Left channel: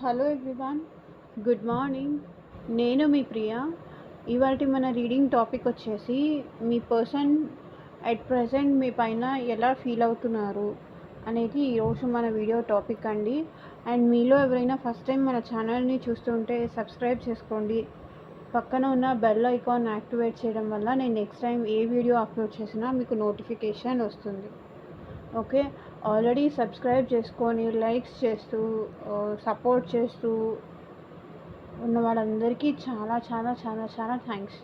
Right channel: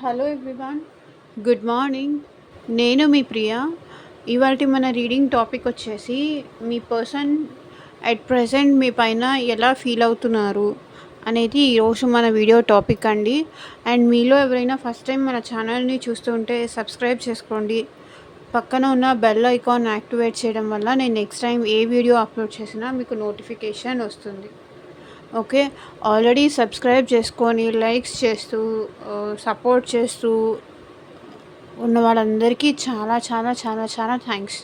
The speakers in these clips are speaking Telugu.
Hello everyone, good morning. నేను మీ ప్రియ. ఇవాల్టి మన రీడింగ్ టాపిక్ వచ్చేసి మీ పర్సన్ అట్ ప్రెజెంట్ మీ పైన ఎలా ఫీల్ అవుతున్నారు అనేది ఈరోజు మన వీడియో టాపిక్ అండి. అండ్ మీలో ఎవరైనా ఫస్ట్ టైం మన ఛానల్ని చూస్తుంటే సబ్స్క్రైబ్ చేసుకోండి. పక్కన ఉన్న బెల్ ఐకాన్ యాక్టివేట్ చేయడం వల్ల నేను నెక్స్ట్ టైం ఏ వీడియో అప్లోడ్ చేసినా మీకు నోటిఫికేషన్ వస్తుంది. ఓకే, ఆల్రెడీ సబ్స్క్రైబ్ చేసుకొని లైక్స్ చేస్తూ సపోర్ట్ చేస్తూ ఉన్న వాళ్ళందరికీ చాలా చాలా చాలా చాలా థ్యాంక్స్.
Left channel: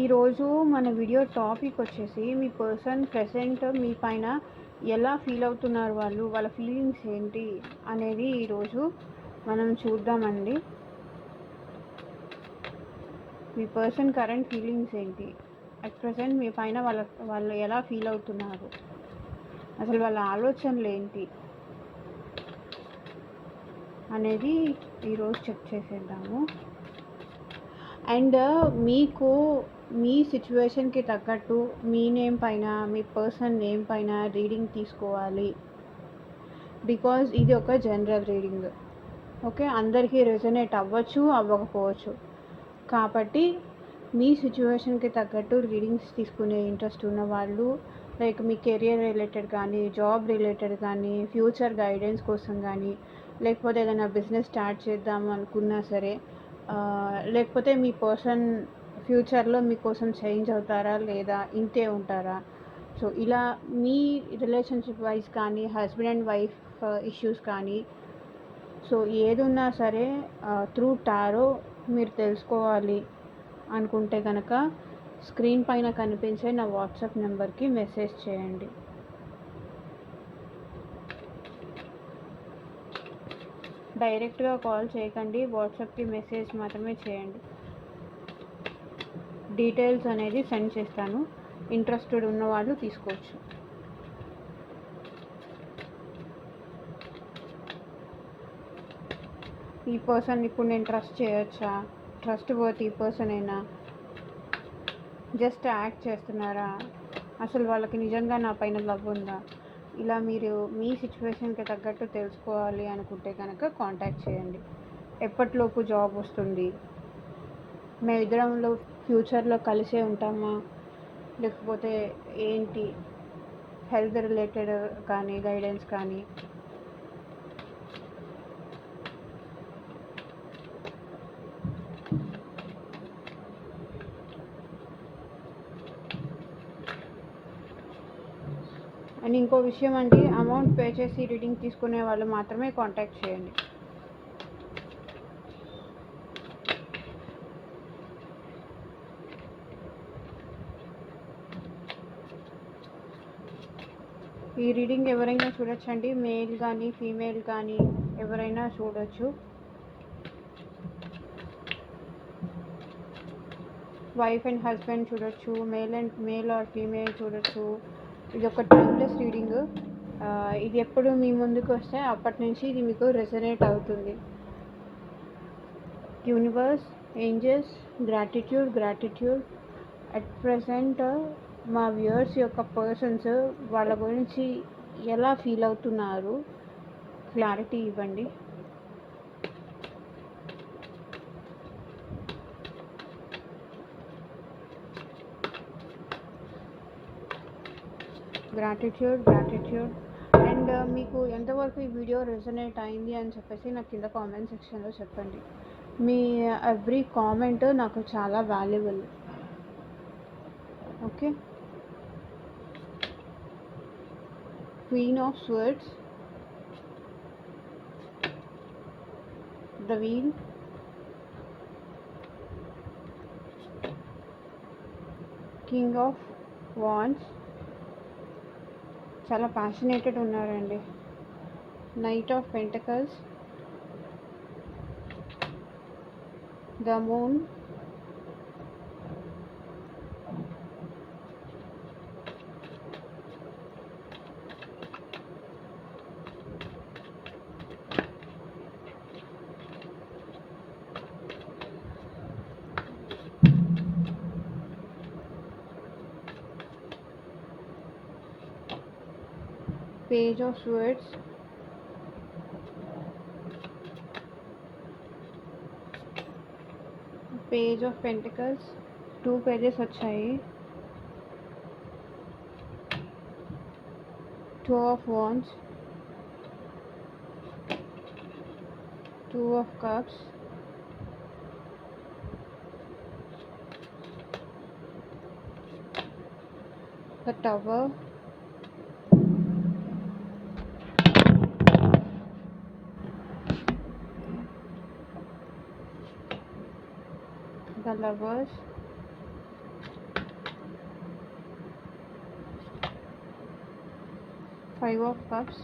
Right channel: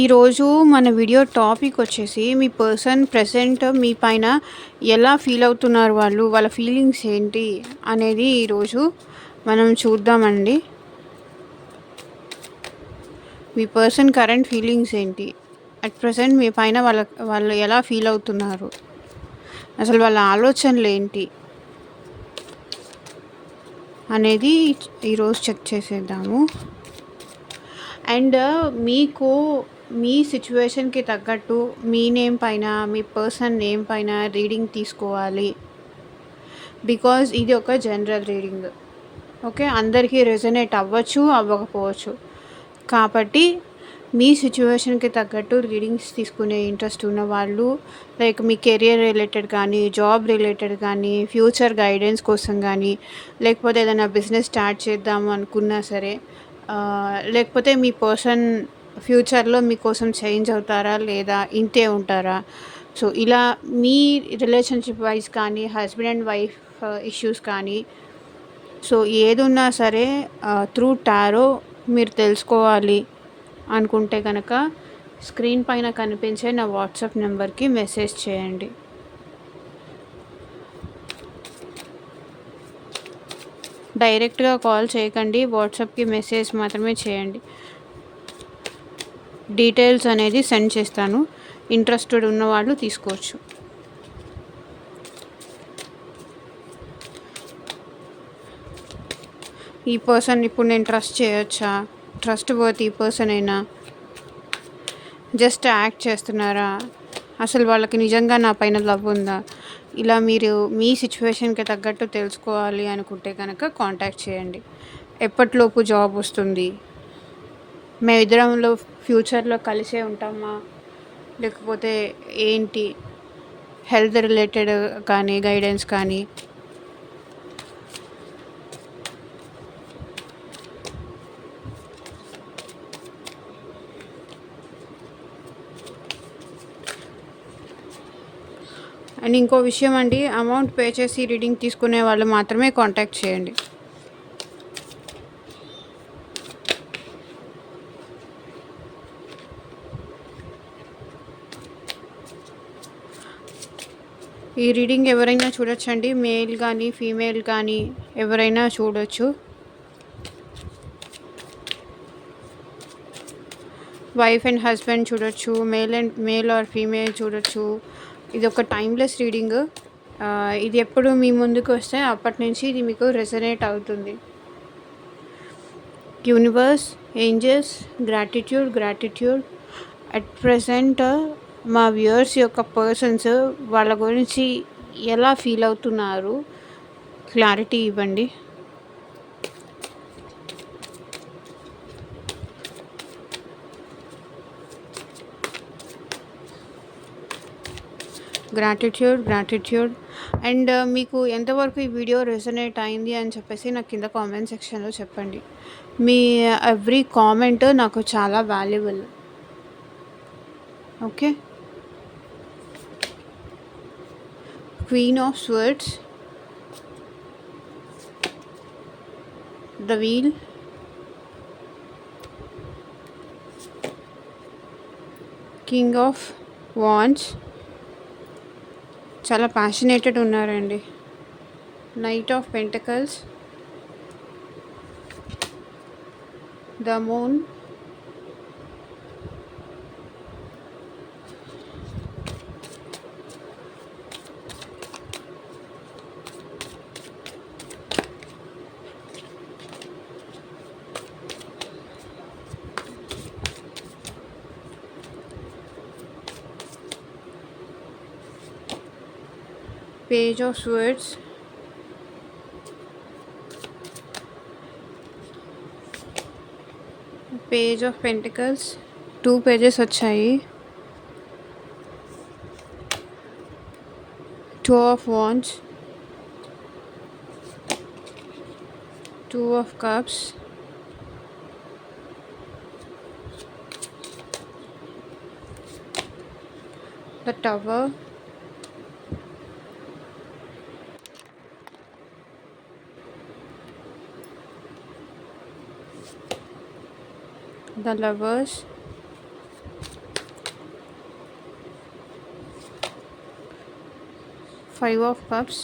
ఈరోజు మన వీడియో టాపిక్ వచ్చేసి మీ పర్సన్ ప్రెసెంట్ మీ పైన ఎలా ఫీల్ అవుతున్నారు, వాళ్ళ ఫీలింగ్స్ ఏంటి అనేది ఈరోజు మనం చూద్దామండి. మీ పర్సన్ కరెంట్ ఫీలింగ్స్ ఏంటి, అట్ ప్రజెంట్ మీ పైన వాళ్ళు ఎలా ఫీల్ అవుతున్నారు, అసలు వాళ్ళ ఆలోచనలు ఏంటి అనేది ఈరోజు చెక్ చేసేద్దాము. అండ్ మీకు మీ సిచ్యువేషన్కి తగ్గట్టు మీ నేమ్ పైన మీ పర్సన్ నేమ్ పైన రీడింగ్ తీసుకోవాలి. బికాజ్ ఇది ఒక జనరల్ రీడింగ్. ఓకే, అందరికీ రెజొనేట్ అవ్వచ్చు, అవ్వకపోవచ్చు. కాబట్టి మీ సిచ్యువేషన్కి తగ్గట్టు రీడింగ్స్ తీసుకునే ఇంట్రెస్ట్ ఉన్న వాళ్ళు, లైక్ మీ కెరియర్ రిలేటెడ్ కానీ, జాబ్ రిలేటెడ్ కానీ, ఫ్యూచర్ గైడెన్స్ కోసం కానీ, లేకపోతే ఏదైనా బిజినెస్ స్టార్ట్ చేద్దాము అనుకున్నా సరే, లేకపోతే మీ పర్సన్ ఫ్యూచర్లో మీకోసం చేంజ్ అవుతారా లేదా ఇంతే ఉంటారా, సో ఇలా మీ రిలేషన్షిప్ వైజ్ కానీ, హస్బెండ్ అండ్ వైఫ్ ఇష్యూస్ కానీ, సో ఏది ఉన్నా సరే త్రూ టారో మీరు తెలుసుకోవాలి అనుకుంటే కనుక స్క్రీన్ పైన కనిపించే నా వాట్సాప్ నెంబర్కి మెసేజ్ చేయండి. డైరెక్ట్గా కాల్ చేయకండి, వాట్సాప్కి మెసేజ్ మాత్రమే చేయండి. డీటెయిల్స్ అనేది సెండ్ చేస్తాను, ఇంట్రెస్టెడ్ ఉన్నవాళ్ళు తీసుకోవచ్చు. ఈ పర్సన్ ఇప్పుడు నేను ట్రస్ట్ చేయొచ్చా, ట్రస్ట్ వర్తీ పర్సన్ అయినా, జస్ట్ యాక్ట్ చేస్తున్నారా, అసలు వాళ్ళకి నిజంగా నా పైన లవ్ ఉందా, ఇలా మీరు మీ సిచ్యువేషన్కి తగ్గట్టు తెలుసుకోవాలి అనుకుంటే కనుక కాంటాక్ట్ చేయండి. ఎప్పటిలోపు జాబ్ వస్తుంది, మేమిద్దరంలో ఫ్యూచర్లో కలిసే ఉంటామా, లేకపోతే ఏంటి, హెల్త్ రిలేటెడ్ కానీ, గైడెన్స్ కానీ, అండ్ ఇంకో విషయం అండి, అమౌంట్ పే చేసి రీడింగ్ తీసుకునే వాళ్ళు మాత్రమే కాంటాక్ట్ చేయండి. ఈ రీడింగ్ ఎవరైనా చూడొచ్చండి, మేల్ కానీ ఫీమేల్ కానీ ఎవరైనా చూడొచ్చు. వైఫ్ అండ్ హస్బెండ్ చూడొచ్చు, మేల్ ఆర్ ఫీమేల్ చూడొచ్చు. ఇది ఒక టైమ్లెస్ రీడింగ్. ఇది ఎప్పుడు మీ ముందుకు వస్తే అప్పటి నుంచి ఇది మీకు రెజొనేట్ అవుతుంది. Universe, angels, gratitude at present మా వ్యూయర్స్ యొక్క పర్సన్స్ వాళ్ళ గురించి ఎలా ఫీల్ అవుతున్నారు క్లారిటీ ఇవ్వండి. గ్రాటిట్యూడ్ అండ్ మీకు ఎంతవరకు ఈ వీడియో రెజొనేట్ అయింది అని చెప్పేసి నాకు కింద కామెంట్ సెక్షన్లో చెప్పండి. మీ ఎవ్రీ కామెంట్ నాకు చాలా valuable. Okay, queen of swords, the wheel, king of wands, చాలా ప్యాషనేటెడ్ ఉన్నారండి, knight of pentacles, the moon, Page of Swords, Page of Pentacles, 2 pages వచ్చాయి. 2 of Wands, 2 of Cups, the Tower, the Lovers, Five of Cups,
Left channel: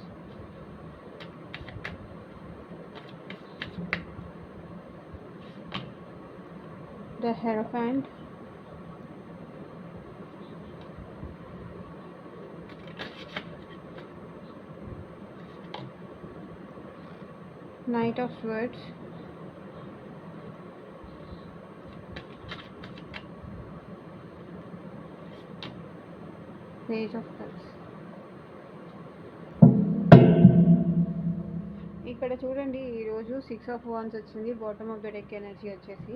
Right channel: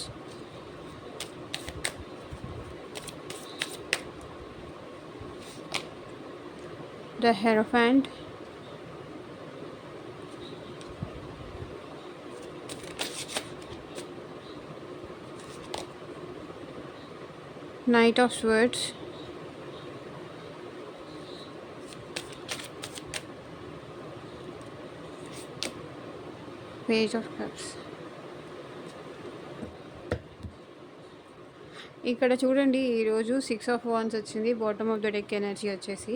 the Hierophant, Knight of Swords, Page of Cups. ఇక్కడ చూడండి, ఈరోజు 6 of Wands వచ్చింది. Bottom of the deck energy వచ్చేసి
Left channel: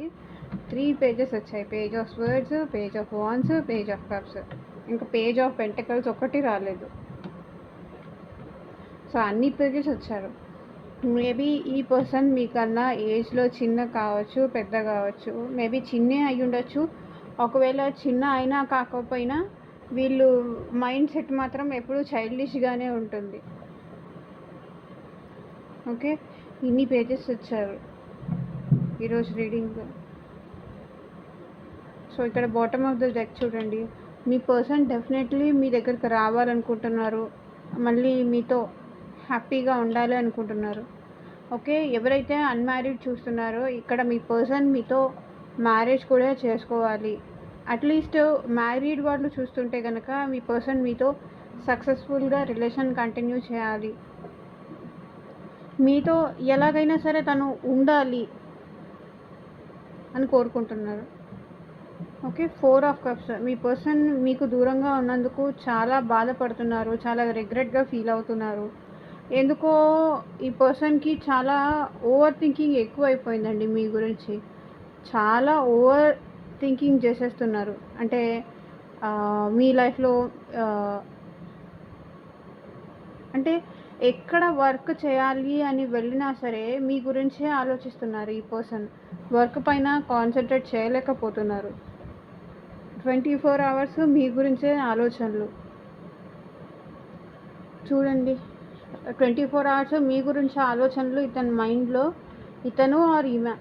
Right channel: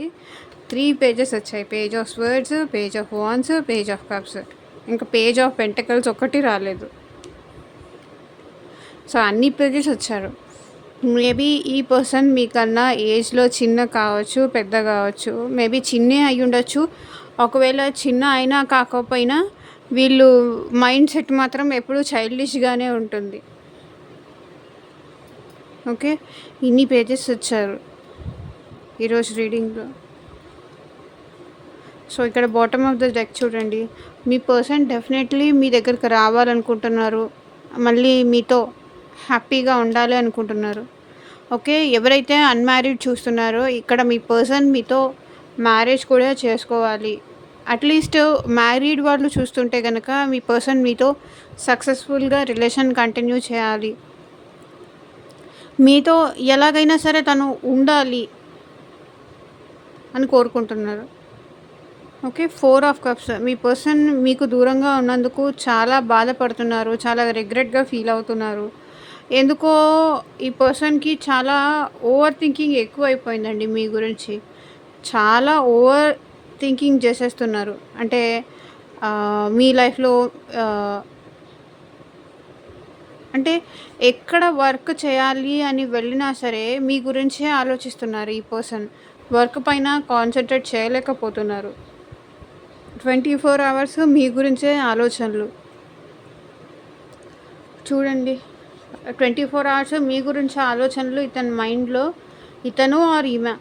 3 pages వచ్చాయి. Page of swords, page of wands, page of cups, ఇంకా పేజ్ ఆఫ్ పెంటకల్స్ ఒకటి రాలేదు. సో అన్ని పేజెస్ వచ్చారు. మేబీ ఈ పర్సన్ మీకన్నా ఏజ్లో చిన్న కావచ్చు, పెద్ద కావచ్చు, మేబీ చిన్నే అయి ఉండొచ్చు. ఒకవేళ చిన్న అయినా కాకపోయినా వీళ్ళు మైండ్ సెట్ మాత్రం ఎప్పుడూ చైల్డిష్గానే ఉంటుంది. ఓకే, ఇన్ని పేజెస్ వచ్చారు ఈరోజు రీడింగ్లో. సో ఇక్కడ బాటమ్ ఆఫ్ ద డెక్ చూడండి, మీ పర్సన్ డెఫినెట్లీ మీ దగ్గరికి రావాలనుకుంటున్నారు, మళ్ళీ మీతో హ్యాపీగా ఉండాలి అనుకుంటున్నారు. ఓకే, ఎవరైతే అన్మ్యారీడ్ చూస్తున్నారో ఇక్కడ మీ పర్సన్ మీతో మ్యారేజ్ కూడా చేసుకోవాలి. అట్లీస్ట్ మ్యారీడ్ వాళ్ళు చూస్తుంటే కనుక మీ పర్సన్ మీతో సక్సెస్ఫుల్గా రిలేషన్ కంటిన్యూ చేయాలి, మీతో ఎలాగైనా సరే తను ఉండాలి అని కోరుకుంటున్నారు. Okay, 4 of Cups, me person మీకు దూరంగా ఉన్నందుకు చాలా బాధపడుతున్నారు, చాలా రిగ్రెట్గా ఫీల్ అవుతున్నారు. ఎందుకో ఈ పర్సన్కి చాలా ఓవర్ థింకింగ్ ఎక్కువ అయిపోయిందండి మీ గురించి. చాలా ఓవర్ థింకింగ్ చేసేస్తున్నారు. అంటే మీ లైఫ్లో అంటే ఎక్కడ వర్క్ చేయాలి అని వెళ్ళినా సరే మీ గురించే ఆలోచిస్తున్నారు. ఈ పర్సన్ వర్క్ పైన కాన్సన్ట్రేట్ చేయలేకపోతున్నారు. 24 hours మీ గురించే ఆలోచనలు. చూడండి, 24 hours మీ గురించి ఆలోచనలు ఇతని మైండ్లో, ఇతను ఆర్ ఈమె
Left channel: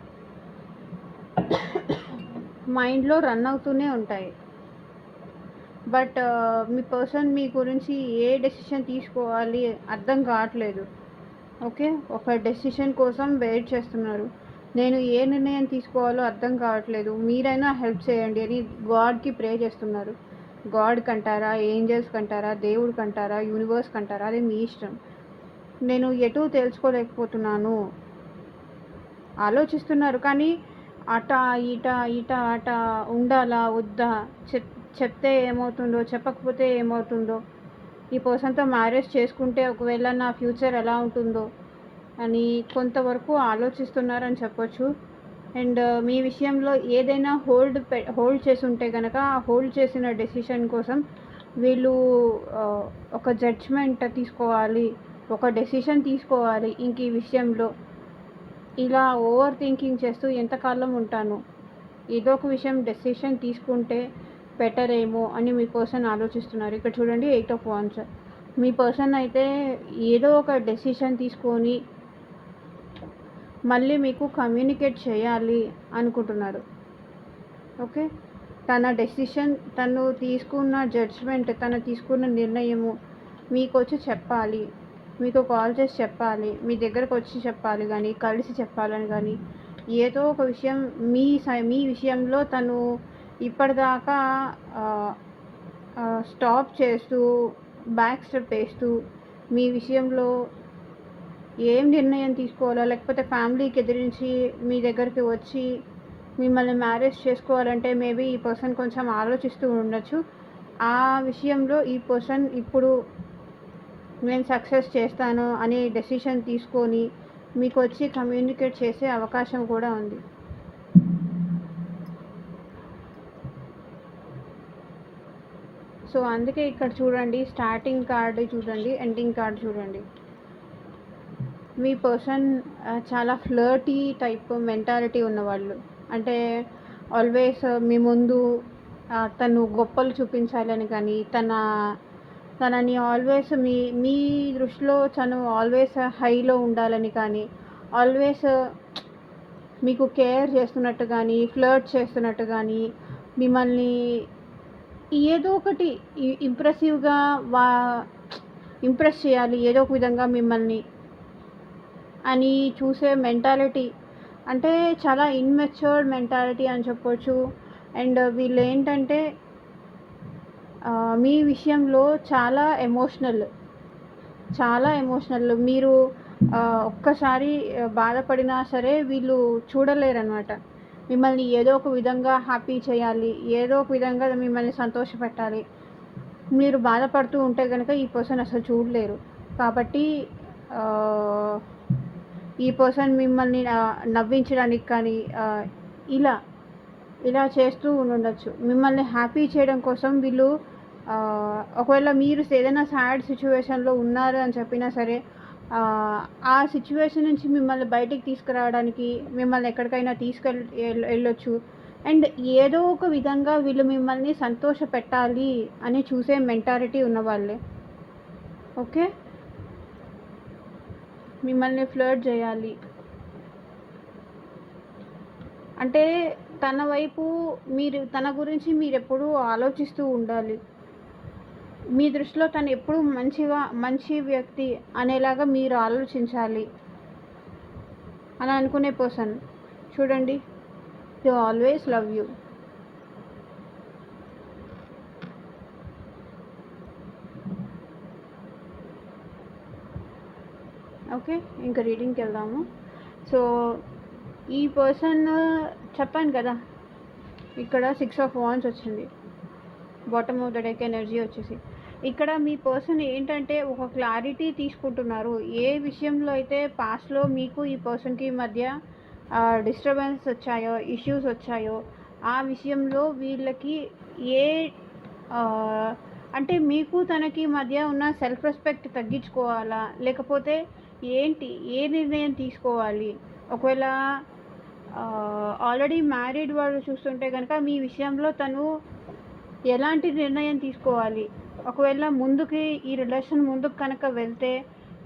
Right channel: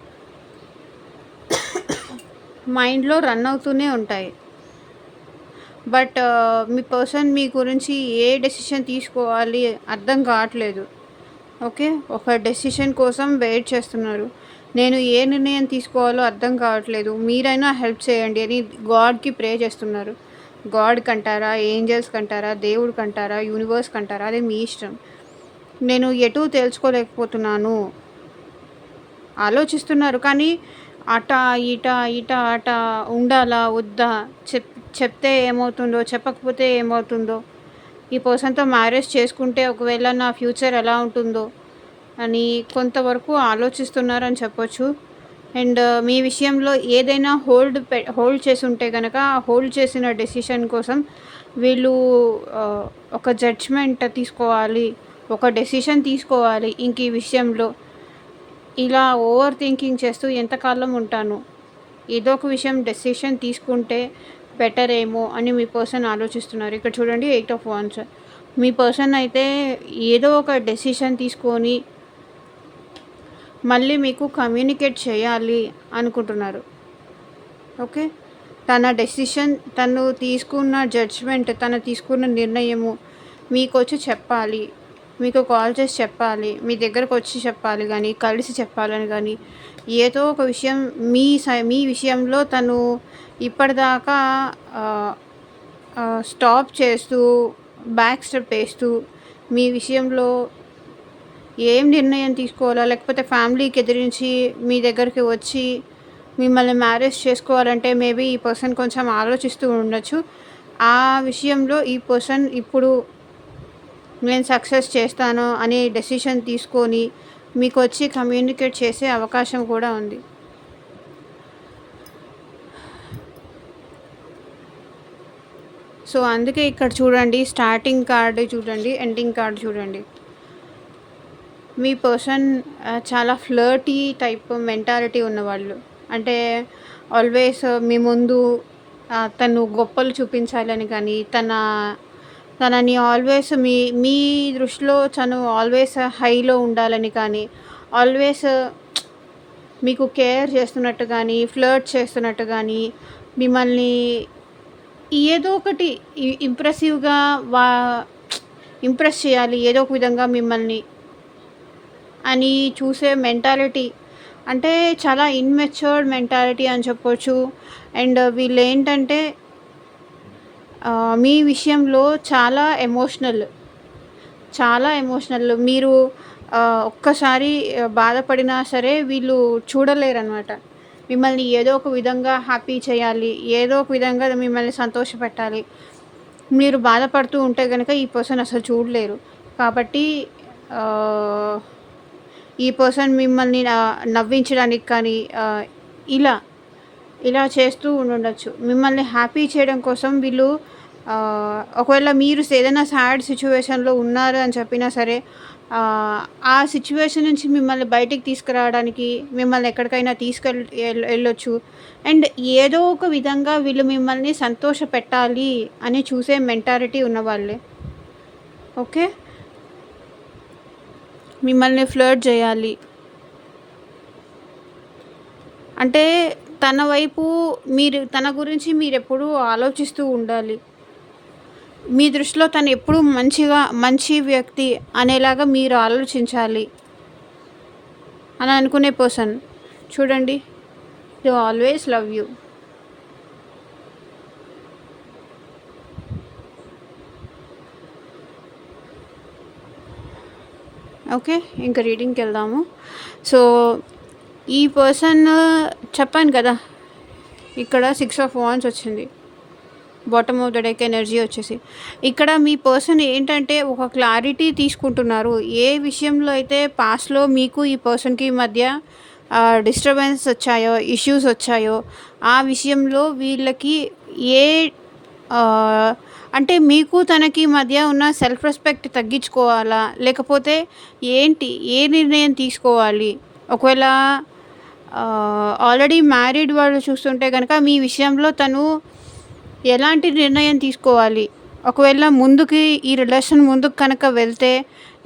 మైండ్లో రన్ అవుతూనే ఉంటాయి. బట్ మీ పర్సన్ మీ గురించి ఏ డెసిషన్ తీసుకోవాలి అర్థం కావట్లేదు. ఓకే, ఒక డెసిషన్ కోసం వెయిట్ చేస్తున్నారు. నేను ఏ నిర్ణయం తీసుకోవాలో అర్థం కావట్లేదు, మీరైనా హెల్ప్ చేయండి అని గాడ్కి ప్రే చేస్తున్నారు. గాడ్ కంటారా, ఏంజల్స్ కంటారా, దేవుడు కంటారా, యూనివర్స్ కంటారా, అదే మీ ఇష్టం. నేను ఎటూ తెలుసుకోలేకపోతున్నాను ఆలోచిస్తున్నారు. కానీ అట ఇట అట ఉండాలా వద్దా, చెప్తే ఏమవుతుందో, చెప్పకపోతే ఏమవుతుందో, ఈ పర్సన్తో మ్యారేజ్ చేసుకుంటే ఒకవేళ నా ఫ్యూచర్ ఎలా ఉంటుందో అని కొంతవరకు ఆలోచిస్తున్నారని చెప్పొచ్చు. అండ్ మీ విషయంలో ఏదైనా హోల్డ్ చేసి ఉంటే కనుక హోల్డ్ చేసిన డెసిషన్ కోసం వీళ్ళు ఒక జడ్జ్మెంట్ తీసుకోవాలి, ఒక డెసిషన్ తీసుకోవాలి. ఇంక ఈ విషయంలో ఇలా ఓవర్ థింకింగ్ చేస్తూ ఎంతకాలం ఉంటాను, ఏదో ఒక విషయం డెసిషన్ తీసుకుంటే బెటర్ ఏమో అని మీ పర్సన్ ఆలోచిస్తున్నారు. ఇక్కడ చూడండి, 8 of Wands, మీ పర్సన్ అయితే ఏదో ఒక డెసిషన్ తీసుకొని మళ్ళీ మీకు కమ్యూనికేట్ చేయాలి అనుకుంటున్నారు. ఓకే, తన డెసిషన్, తను తీసుకున్న జడ్జ్మెంట్, తను తీసుకున్న నిర్ణయము మీకు వచ్చి చెప్పాలి, మీకు కాల్ చేసి చెప్పాలి, మీ దగ్గరకు వచ్చి చెప్పాలి, కానీ కలిసి చెప్పాలని కానీ ఏదో ఒక విషయం మీ విషయంలో తను ఇప్పటిదాకా స్టాప్ చేస్తూ బ్యాక్ స్టెప్ వేస్తూ మీ విషయంలో ఏం నిర్ణయం తీసుకోవాలా, లేకపోతే ఫ్యామిలీకి ఎదిరించి మీ దగ్గరికి వచ్చి మిమ్మల్ని మ్యారేజ్ చేసుకోవాలంటే మేబీ ఈ పర్సన్ కొంచెం ఆలోచిస్తూ ఉండొచ్చు. ఆ విషయంలో ఈ పర్సన్ ఇప్పుడు నేను సక్సెస్ చేస్తాను అని డెసిషన్ తీసుకొని మీకు వచ్చి కమ్యూనికేట్ చేసే అవకాశం కూడా ఉంది. సో అందుకే ఇక్కడ చూడండి, స్టార్టింగ్ కార్డ్ చూడండి, ఎండింగ్ కార్డ్ చూడండి. మీ పర్సన్ చాలా ఫ్లర్టీ టైప్ మెంటాలిటీ ఉన్నవాళ్ళు. అంటే ఆల్వేస్ మీ ముందు తను గొప్పలు చూపించాలని కానీ, తనని ఆల్వేస్ మీ మీ దృష్టిలో తను ఆల్వేస్ హైలో ఉండాలని కానీ, ఆల్వేస్ మీకు కేర్ చేస్తున్నట్టు కానీ, ఫ్లర్ట్ చేస్తున్నట్టు కానీ, మిమ్మల్ని ఏదో ఒకటి ఇంప్రెసివ్గా ఇంప్రెస్ చేయాలి ఏదో ఒక విధంగా మిమ్మల్ని అని చూసే మెంటాలిటీ. అంటే చాలా ఇన్మెచ్యూర్డ్ మెంటాలిటీ అని చెప్పొచ్చు. అండ్ వీళ్ళు ఏంటంటే మీ విషయంలో చాలా ఎమోషనల్. మీరు ఒక్కసారి బాధపడినా సరే వీళ్ళు చూడలేరనమాట. మిమ్మల్ని ఏదో ఒక విధంగా హ్యాపీ చేయాలి, ఏదో ఒక విధంగా మిమ్మల్ని సంతోషపెట్టాలి. మీరు బాధపడుతూ ఉంటే కనుక ఈ పర్సన్ అసలు చూడలేరు. కాబట్టి ఈ పర్సన్ మిమ్మల్ని నవ్వించడానికి కానీ ఇలా చేస్తూ ఉండొచ్చు. మిమ్మల్ని హ్యాపీ చేయడం కోసం వీళ్ళు ఒకవేళ మీరు ఏదైనా సాడ్ సిచ్యువేషన్లో ఉన్నారు అని చెప్పినా సరే ఆ సిచ్యువేషన్ నుంచి మిమ్మల్ని బయటికి తీసుకురావడానికి మిమ్మల్ని ఎక్కడికైనా వెళ్ళొచ్చు. అండ్ ఏదో ఒక విధంగా వీళ్ళు మిమ్మల్ని సంతోష పెట్టాలి అని చూసే మెంటాలిటీ ఉన్నవాళ్ళే. ఓకే, మిమ్మల్ని ఫ్లర్ట్ చేయాలి అంటే తన వైపు తన గురించి మీరు ఎప్పుడూ ఆలోచిస్తూ ఉండాలి. మీ దృష్టిలో తను ఎప్పుడు మంచి వ్యక్తి అనేలాగా మీరు ఆలోచించాలి అని అనుకునే పర్సన్ చూడండి. They always love you. Okay, ఇంకా రీడింగ్కి వెళ్దాము. సో ఈ పర్సన్ చెప్పాను కదా, ఇక్కడ 6 of Wands వచ్చింది, bottom of the deck energy వచ్చేసి. ఇక్కడ మీ పర్సన్ ఏంటంటే ఒక క్లారిటీ తీసుకుంటున్నారు. ఏ విషయంలో అయితే పాస్ట్లో మీకు ఈ పర్సన్కి మధ్య డిస్టర్బెన్స్ వచ్చాయో, ఇష్యూస్ వచ్చాయో, ఆ విషయంలో వీళ్ళకి అంటే మీకు తనకి మధ్య ఉన్న సెల్ఫ్ రెస్పెక్ట్ తగ్గించుకోవాలా, లేకపోతే ఏ నిర్ణయం తీసుకోవాలి. ఒకవేళ ఆల్రెడీ మ్యారీడ్ వాళ్ళు చూస్తుంటే కనుక మీ విషయంలో తను ఎలాంటి నిర్ణయం తీసుకోవాలి. ఒకవేళ ఈ రిలేషన్ ముందుకు కనుక వెళ్తే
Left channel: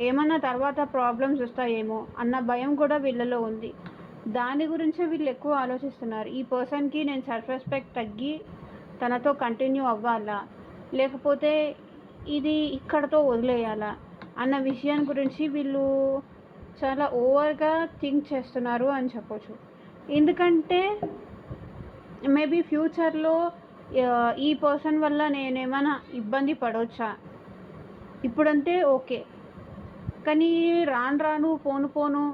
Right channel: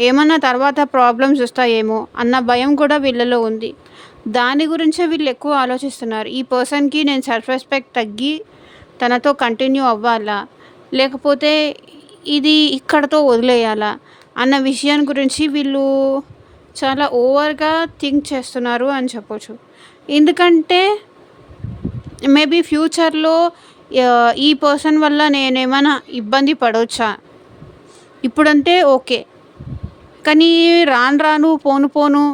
ఏమన్నా తర్వాత ప్రాబ్లమ్స్ వస్తాయేమో అన్న భయం కూడా వీళ్ళలో ఉంది. దాని గురించే వీళ్ళు ఎక్కువ ఆలోచిస్తున్నారు. ఈ పర్సన్కి నేను సెల్ఫ్ రెస్పెక్ట్ తగ్గి తనతో కంటిన్యూ అవ్వాలా, లేకపోతే ఇది ఇక్కడతో వదిలేయాలా అన్న విషయం గురించి వీళ్ళు చాలా ఓవర్గా థింక్ చేస్తున్నారు అని చెప్పొచ్చు. ఎందుకంటే మేబీ ఫ్యూచర్లో ఈ పర్సన్ వల్ల నేనేమైనా ఇబ్బంది పడవచ్చా, ఇప్పుడంటే ఓకే, కానీ రాను పోను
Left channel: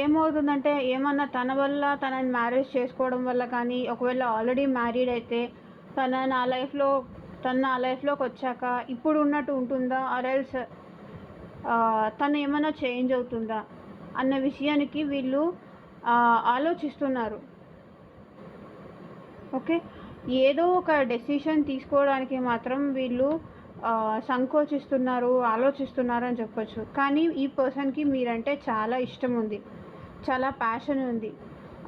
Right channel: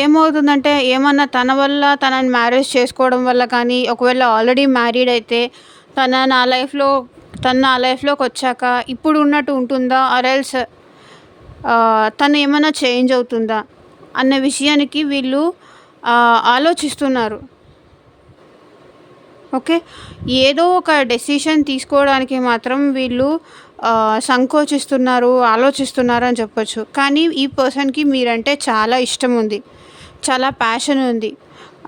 ఏమవుతుందంటే ఏమన్నా తన వల్ల తనని మ్యారేజ్ చేసుకోవడం వల్ల కానీ, ఒకవేళ ఆల్రెడీ మ్యారీడ్ అయితే తన నా లైఫ్లోకి వచ్చాక ఇప్పుడు ఉన్నట్టు ఉంటుందా, ఆర్ఎల్స్ తను ఏమైనా చేంజ్ అవుతుందా అన్న విషయానికి వీళ్ళు ఆలోచిస్తున్నారు. ఓకే, ఏదో ఒక డెసిషన్ తీసుకోవడానికి మాత్రం వీళ్ళు ఆలోచిస్తున్నారు అని చెప్పొచ్చు. కానీ ఈ పర్సన్కి మీరంటే చాలా ఇష్టం ఉంది, చాలా ప్యాషన్ ఉంది.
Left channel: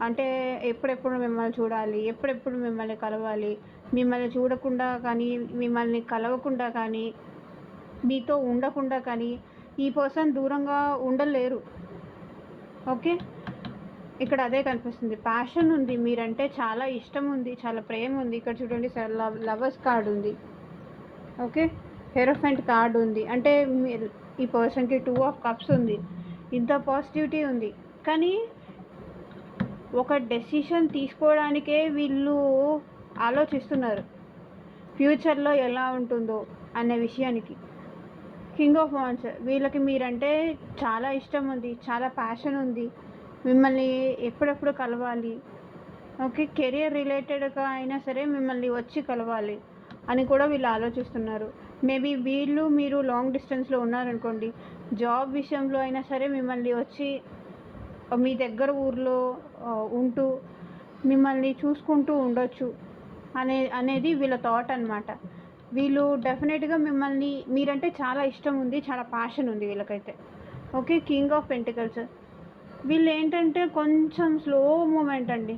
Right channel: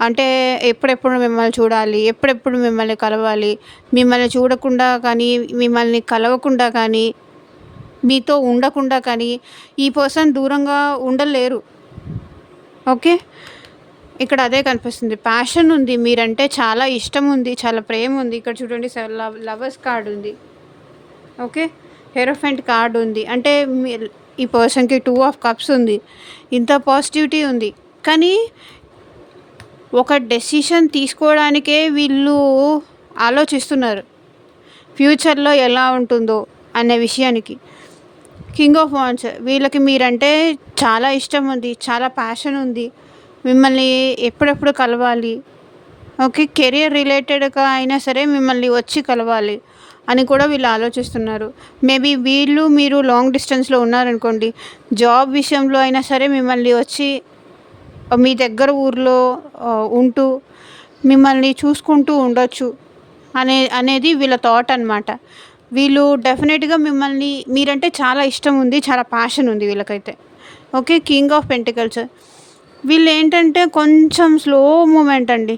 అంటే ఎప్పుడెప్పుడు మిమ్మల్ని చూడాలి, ఎప్పుడెప్పుడు మిమ్మల్ని కలవాలి, మిమ్మల్ని చూడకుండా కానీ, మిమ్మల్ని కలవకుండా కానీ, మీతో ఉండకుండా కానీ ఈ పర్సన్ దూరంగా ఉండలేరు. ఓకే, ఇక్కడ అదే కనిపిస్తుంది. ప్యాషన్ ఉంది, మీరంటే చాలా ఇష్టం ఉంది, చాలా ప్రేమ ఉంది. ఇక్కడ చూడండి, లవర్స్ కార్డ్ ఉంది. ఓకే, హెరోఫెంట్ కార్డ్ ఉంది. అంటే ఈ పర్సన్కి 2 of Cups ఉంది. ఇంత పాజిటివిటీ ఉంది. కానీ ఒక డెసిషన్ తీసుకోవడానికే వీళ్ళు ఆలోచిస్తున్నారు, ఫ్యూచర్లో ఎలా ఉంటుందో అనే విషయానికి. కింగ్ ఆఫ్ వాండ్స్, వీళ్ళకి మీరంటే చాలా ఇష్టం ఉంది, చాలా ప్యాషన్ ఉంది, మిమ్మల్ని ఎప్పుడెప్పుడు కలవాలి. ఓకే, కెరియర్ రిలేటెడ్గా అయినా సరే మిమ్మల్ని వచ్చి కలవాలి అని కూడా వీళ్ళు ఆలోచిస్తున్నారు. మేబీ వీళ్ళు మీరు లాంగ్ డిస్టెన్స్లో ఉన్నారనుకోండి, జాబ్ విషయంలో అయినా సరే మిమ్మల్ని వచ్చి మీ దగ్గర ఊర్లో ఉంటూ మిమ్మల్ని చూసుకుంటూ ఉండొచ్చు అనేది వీళ్ళ థాట్ అనమాట. వీళ్ళు డెఫినెట్గా మిమ్మల్ని మీరంటే చాలా ఇష్టం ఉంది, చాలా ప్యాషన్ ఉంది వీళ్ళకైతే. Okay, king of pentacles. వీళ్ళు ఏంటంటే కొంచెం స్లో మూమెంట్ అండి.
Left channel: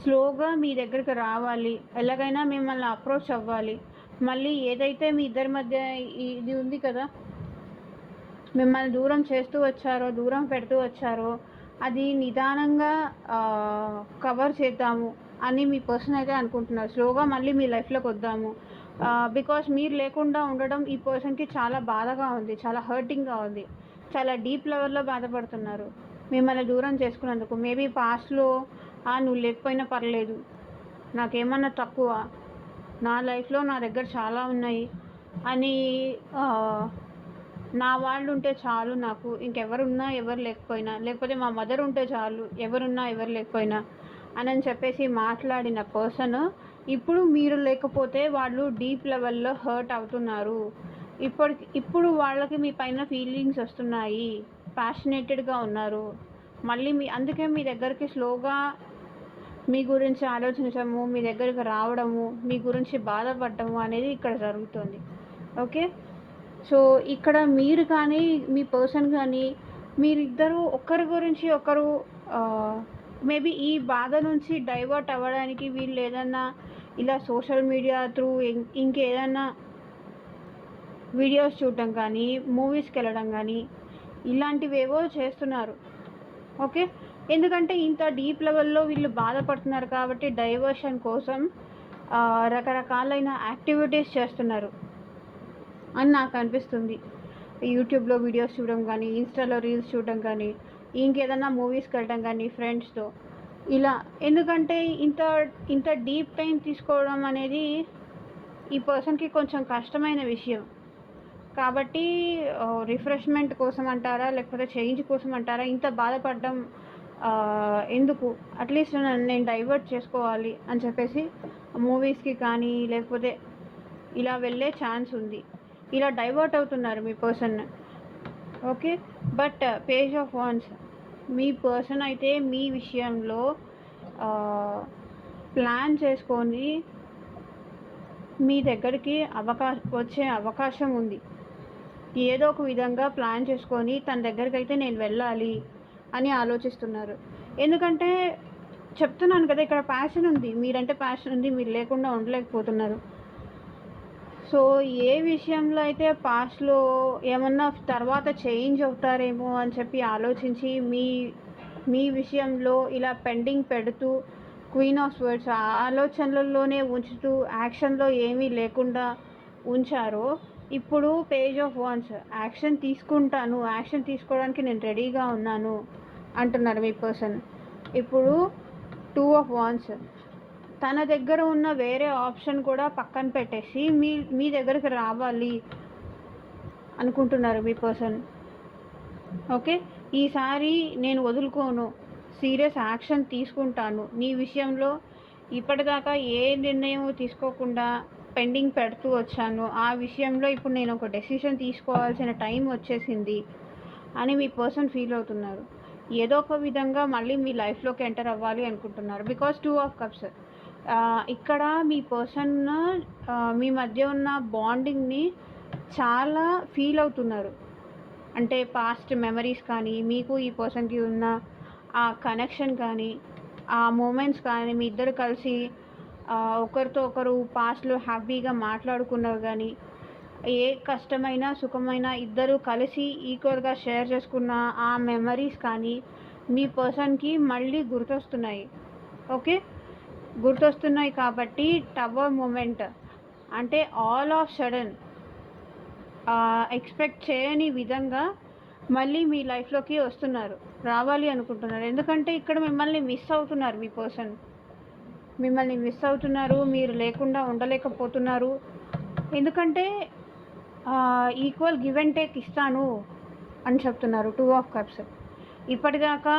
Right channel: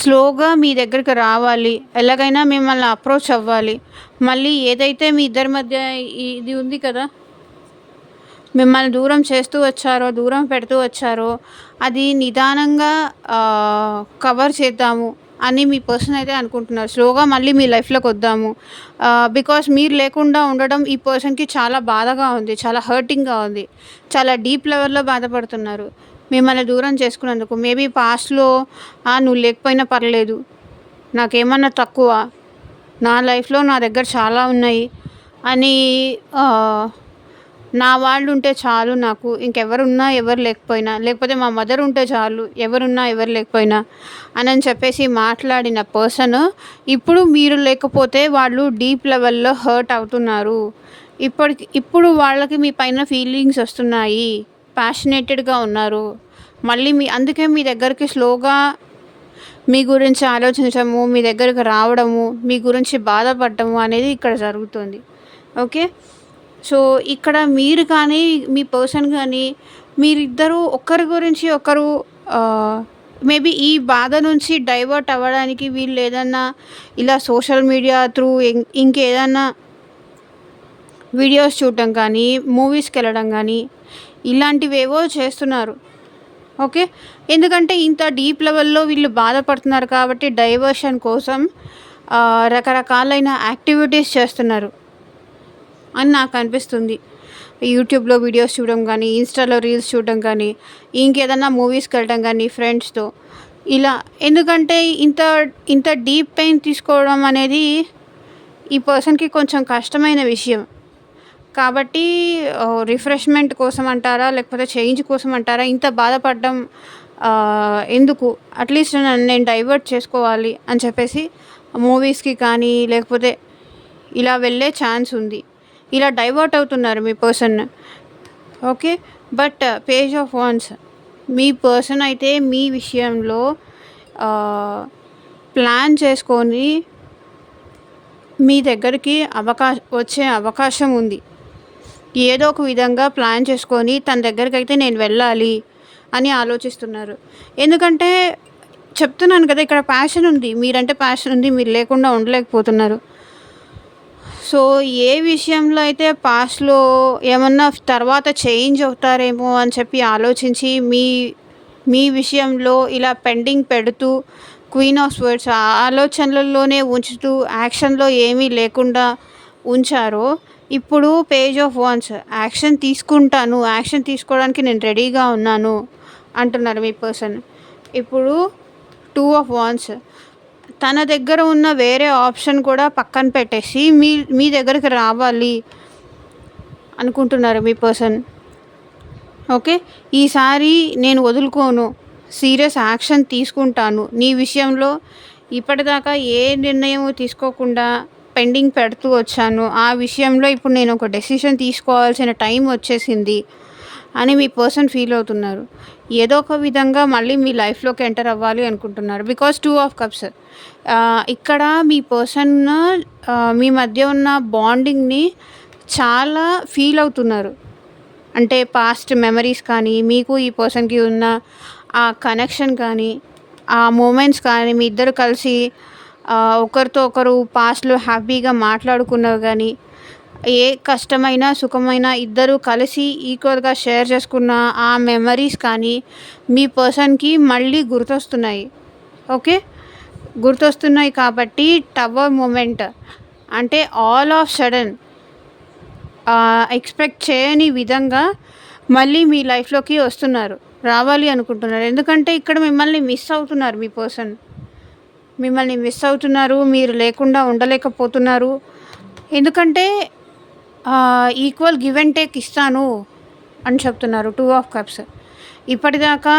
స్లోగా మీ దగ్గరికి రావాలి, ఎలాగైనా మిమ్మల్ని అప్రోచ్ అవ్వాలి. మళ్ళీ ఏదైతే మీ ఇద్దరి మధ్య ఇది ఉంది కదా, మిమ్మల్ని దూరం చేస్తూ వచ్చారో, దూరం పెడుతూ వచ్చారో, అది నిదానంగా కవర్ చేద్దాము అని మీ పర్సన్ అయితే అనుకుంటున్నారు. స్లోగా మళ్ళీ మీ లైఫ్లోకి వద్దాము. బికాస్ మీరు లేకుండా ఉండడం ఈ పర్సన్కి చాలా బాధగా ఉంది, చాలా హర్టింగ్గా ఉంది, చాలా డీప్ లెవెల్లో బాధపడుతున్నారు మిమ్మల్ని దూరం చేసుకున్నందుకు. మేబీ పాస్ట్లో నువ్వు లేకపోయినా పర్లేదు, నాకేమన్నా తక్కువ, నా లైఫ్లో నా దగ్గర చాలా ఉన్నాయి అని, నా వాళ్ళు ఉంటే చాలు నాకు, ఇంకెవరున్నా ఎవరు లేకపోయినా, లేకపోతే మా మదర్ ఉంటే చాలు ఎవరున్నా ఎవరు లేకపోయినా అని చెప్పేసి మాట్లాడిన పర్సన్ ఇప్పుడు మీరు లేకపోతే వాళ్ళు డీప్ లెవెల్లో హర్ట్ అవుతున్నారు. ఇప్పుడు వాళ్ళకి మీ పైన ఫీలింగ్స్ వస్తున్నాయి, ప్యాషనేటెడ్గా ఉన్నారు. మళ్ళీ అందుకే మీ దగ్గరికి స్లోగా మీ గురించి ఆలోచించడము, మీ దగ్గరికి రావడము, మీ గురించి బాధపడటము అనేది ఇక్కడ జరుగుతుంది. ఓకే, సో ఇక్కడ మీరు కానీ మీ పర్సన్ కానీ మీరిద్దరూ ఒకరి గురించి ఒకరు మేబీ ఈ బాధ నుంచి డైవర్ట్ అవ్వడానికి వీళ్ళు ఏదన్నా ఇలా సోషల్ మీడియా త్రూ ఇంకేదన్నా వీడియోస్ చూడటం కానీ, మూవీస్కి వెళ్ళడం కానీ ఇలాంటివేవో చేస్తున్నారు. ఓకే, ఎందుకంటే ఇంత డీప్ లెవెల్లో వీళ్ళు బాధపడుతున్నారు కాబట్టి డైవర్షన్ కోసం రకరకాలైన యాక్టివిటీస్ చేస్తున్నారు అని నాకు అనిపిస్తుంది. యూట్యూబ్లో వీడియోస్ చూడడం కానీ, ఇన్స్టాలో రీల్స్ చూడడం కానీ, ఇంకేదన్నా మూవీస్కి వెళ్ళడం కానీ ఫ్రెండ్స్తో ఇలా. ఎందుకంటే ఇంత డీప్ పెయిన్ తీసుకోవడం అనేది ఈ పర్సన్కి కొంచెం కష్టమైన విషయం. కాబట్టి రిఫ్రెష్మెంట్ కోసం అంటారా, లేకపోతే చేంజ్ కోసం అంటారా, ఇంత బాధపడడం ఎందుకు, అట్లీస్ట్ నేను డైవర్ట్ చేసుకోవాలి అని చెప్పేసి మూవీస్కి కానీ లేకపోతే ఇలా వెళ్ళే ఛాన్స్ ఉంది. ఇలా డైవర్ట్ అవుతున్నారు మీ person. Okay, but page of wands, మీ పర్సన్ అయితే మీ విషయంలో ప్లాన్ చేసుకొని మీ దగ్గరికి వచ్చే అవకాశం ఉంది. ఏదో ఒక విధంగా ప్లాన్ చేసుకొని తన దగ్గరికి అయితే నేను వెళ్ళాలి అని ఆలోచిస్తున్నారు. ఎందుకంటే చెప్తున్నాను కదా, ఇక్కడ ప్యాషన్ ఉంది, మీరంటే ప్యాషన్ ఉంది, మీరు లేకుండా ఉండలేకపోతున్నారు. సో ఏ విషయంలో అయితే పాస్ట్లో ఏమన్నా తర్వాత చేంజ్ అవుతారేమో అని చెప్పి ఆలోచించి మీ విషయంలో ఇలా పెండింగ్ పెడుతూ క్వీన్ ఆఫ్ స్వర్డ్స్ ఆలోచనలలోనే ఉంచుతూ యాక్షన్లో ఏమీ లేకుండా ఉంచారో, ఇప్పుడు పేజ్ ఆఫ్ వాండ్స్ యాక్షన్ తీసుకుంటాను, యాక్షన్ తీసుకోవడానికి నేను రెడీగా ఉన్నాను అంటున్నారు మీ పర్సన్. ఇప్పుడు 2 ఆఫ్ వాండ్స్, తన దగ్గర ఉన్న వేరే ఆప్షన్ కూడా పక్కన పెట్టేసి మీ దగ్గరికి రావాలి అనుకుంటున్నారు మీ పర్సన్. ఓకే, ఈసారి నేను వదులుకోను, సీరియస్ యాక్షన్ తీసుకుంటాను నీ విషయంలో. ఇప్పటిదాకా ఏ నిర్ణయం తీసుకోకుండా పెండింగ్ పెడుతూ వచ్చాను, ఆ విషయంలో ఇప్పుడు నేను ఒక డెసిషన్ తీసుకోవాల్సిన టైం వచ్చేసింది అని మీ పర్సన్ ఫీల్ అవుతున్నారు. ఏదో ఒక విధంగా మళ్ళీ మీ లైఫ్లోకి ఎంటర్ అవ్వాలి అనుకుంటున్నారు. బికాజ్ 2 ఆఫ్ కప్స్, ఇక్కడ మీ పర్సన్ మీ మధ్య ఉన్న బాండింగ్ని చాలా ఫీల్ అవుతున్నారు. అంటే పాస్ట్ మెమరీస్ కానీ, మీకు ఈ పర్సన్కి ఉన్న ఆ కనెక్షన్ కానీ, ఆ మూమెంట్స్ కానీ, మీ ఇద్దరు కలిసి ఒకరితో ఒకరు పాస్ట్లో హ్యాపీగా మాట్లాడుకున్నవి కానీ, ఏ కష్టమైన సుఖమైన ఇద్దరు కలిసి ఈక్వల్గా షేర్ చేసుకున్న ఆ మెమరీస్ కానీ మీ పర్సన్కి మళ్ళీ గుర్తొస్తున్నాయి. ఓకే, గుర్తొస్తున్నాయి కాబట్టి టవర్ మూమెంట్ అంటే ఆల్ ఆఫ్ సడన్ ఎక్స్పెక్ట్ చేయని విధంగా మళ్ళీ మీ లైఫ్లోకి వస్తున్నారు, రావాలి అనుకుంటున్నారు. ఎందుకంటే ఇక్కడ మిమ్మల్ని మిస్ అవుతున్నారు మీ పర్సన్, మిమ్మల్ని మిస్ అవుతున్నారు, మీరు లేకుండా ఉండలేకపోతున్నారు. ఎందుకంటే ఈక్వల్ గివ్ అండ్ టేక్ ఇస్తాను అని చెప్తున్నారు 2 ఆఫ్ కప్స్. ఇప్పటిదాకా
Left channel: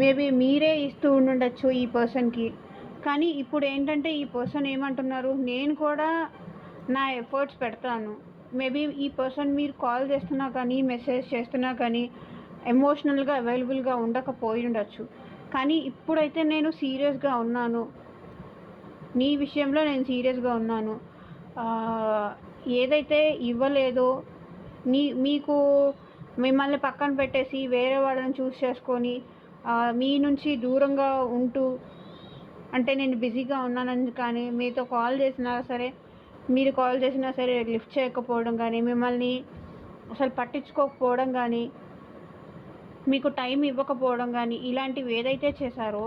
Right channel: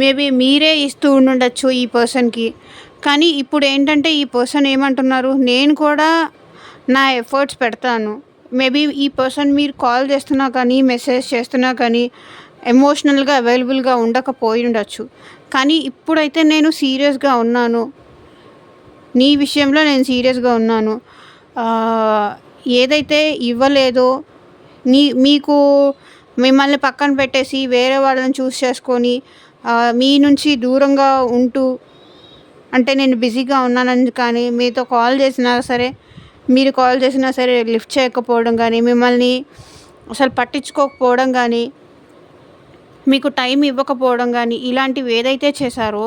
మేబీ మీరే ఇస్తూ ఉండొచ్చు ఈ పర్సన్కి, కానీ ఇప్పుడేంటంటే ఈ పర్సన్ ఏమంటున్నారు, నేను కూడా నా ఎఫర్ట్స్ పెడతాను. మేబీ ఈ పర్సన్ మీరు కాల్ చేస్తున్నా కానీ, మెసేజ్ చేస్తున్నా కానీ, ఎమోషనల్‌గా అవైలబుల్‌గా ఉండకపోయుండొచ్చు. కానీ ఇప్పుడైతే నేను సీరియస్‌గా ఉన్నాను. నీ విషయంలో నేను సీరియస్‌గా ఉన్నాను. ఆహ్, ఏదైతే ఇవ్వలేదో మీకు మిమ్మల్ని పక్కన పెట్టేసి వేరే వాళ్ళని చూస్ చేసుకొని మీ నుంచి దూరంగా ఉంటూ అంటే నేను బిజీగా ఉన్నానని కానీ మీతో కాల్ చేసినా సరే, మీరు కాల్ చేసినా సరే లిఫ్ట్ చేయకపోవడం గానీ, మిమ్మల్ని అసలు పట్టించుకోకపోవడం గానీ, మీకు టైం ఇవ్వకపోవడం గానీ, ఇలాంటివి ఏదైతే చేశారో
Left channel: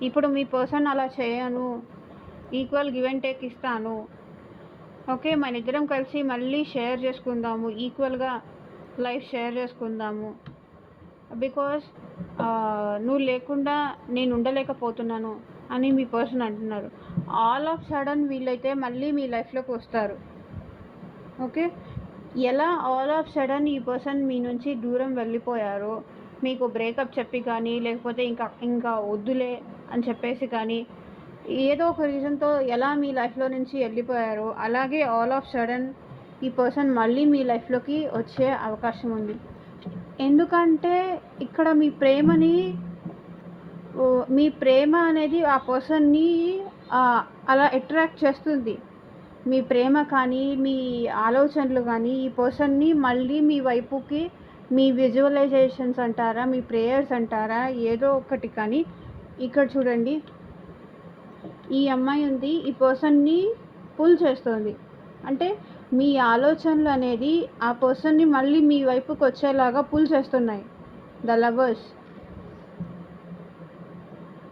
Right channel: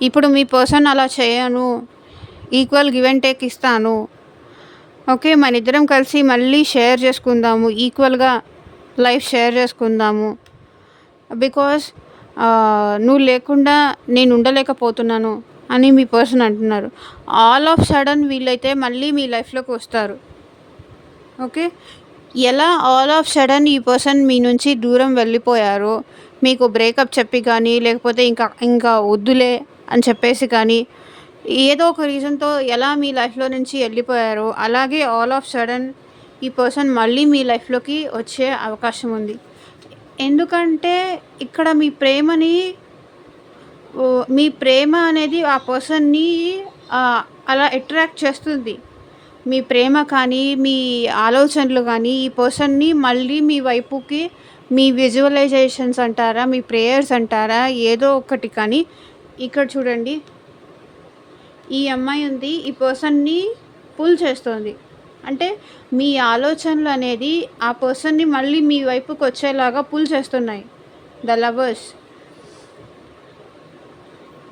ఇప్పుడు మీ పర్సన్ అలా చేయను, ఈక్వల్ గివ్ అండ్ టేక్ ఇస్తాను. ఓకే. మనిద్దరం కలిసి మళ్ళీ షేర్ చేసుకుందాము. ఈక్వల్‌గా లైఫ్ షేర్ చేసుకుందాము. బికాజ్ నువ్వు లేకుండా నేను ఉండలేకపోతున్నాను అని మీ పర్సన్ అంటున్నారు. ఆల్ ఆఫ్ సడన్ వీళ్ళైతే మళ్ళీ మీ లైఫ్‌లోకి వస్తారు. ఓకే. ఎలా ఆల్ ఆఫ్ సడన్ ఈ పర్సన్ మీ నుంచి దూరం వెళ్ళిపోయారో, మీకు బ్రేకప్ చెప్పి కానీ, లేకపోతే ఇంకా వద్దులే అని చెప్పేసి కానీ, ఏదో ఒక రీజన్‌తో ఎలా మీ లైఫ్‌లో నుంచి వెళ్ళిపోయారో, అలాగే ఆల్ ఆఫ్ సడన్ ఈ పర్సన్ మళ్ళీ మీ లైఫ్‌లోకి వచ్చే అవకాశం ఉంది. ఎందుకంటే ఇక్కడ మీ ప్రేమ అనేది ఆ పర్సన్‌ని అలా అట్రాక్ట్ చేస్తుంది. మీ ప్రేమ కానీ, మీ ఆలోచనలు కానీ ఈ పర్సన్‌ని మళ్ళీ మీ వైపుకి మీ విజువలైజేషన్స్ అంటారా, మీ ప్రేయర్స్ అంటారా, ఏదో ఒకటి కానీ ఇక్కడ చూడండి. ఈ అమ్మాయి ఉంది. ఈ పర్సన్‌ని పుల్ చేస్తోంది. అంటే మీ ఆలోచనలు అనేది ఆ పర్సన్‌ని మళ్ళీ మీ వైపుకి వచ్చేలాగా పుల్ చేస్తున్నాయి. The lovers.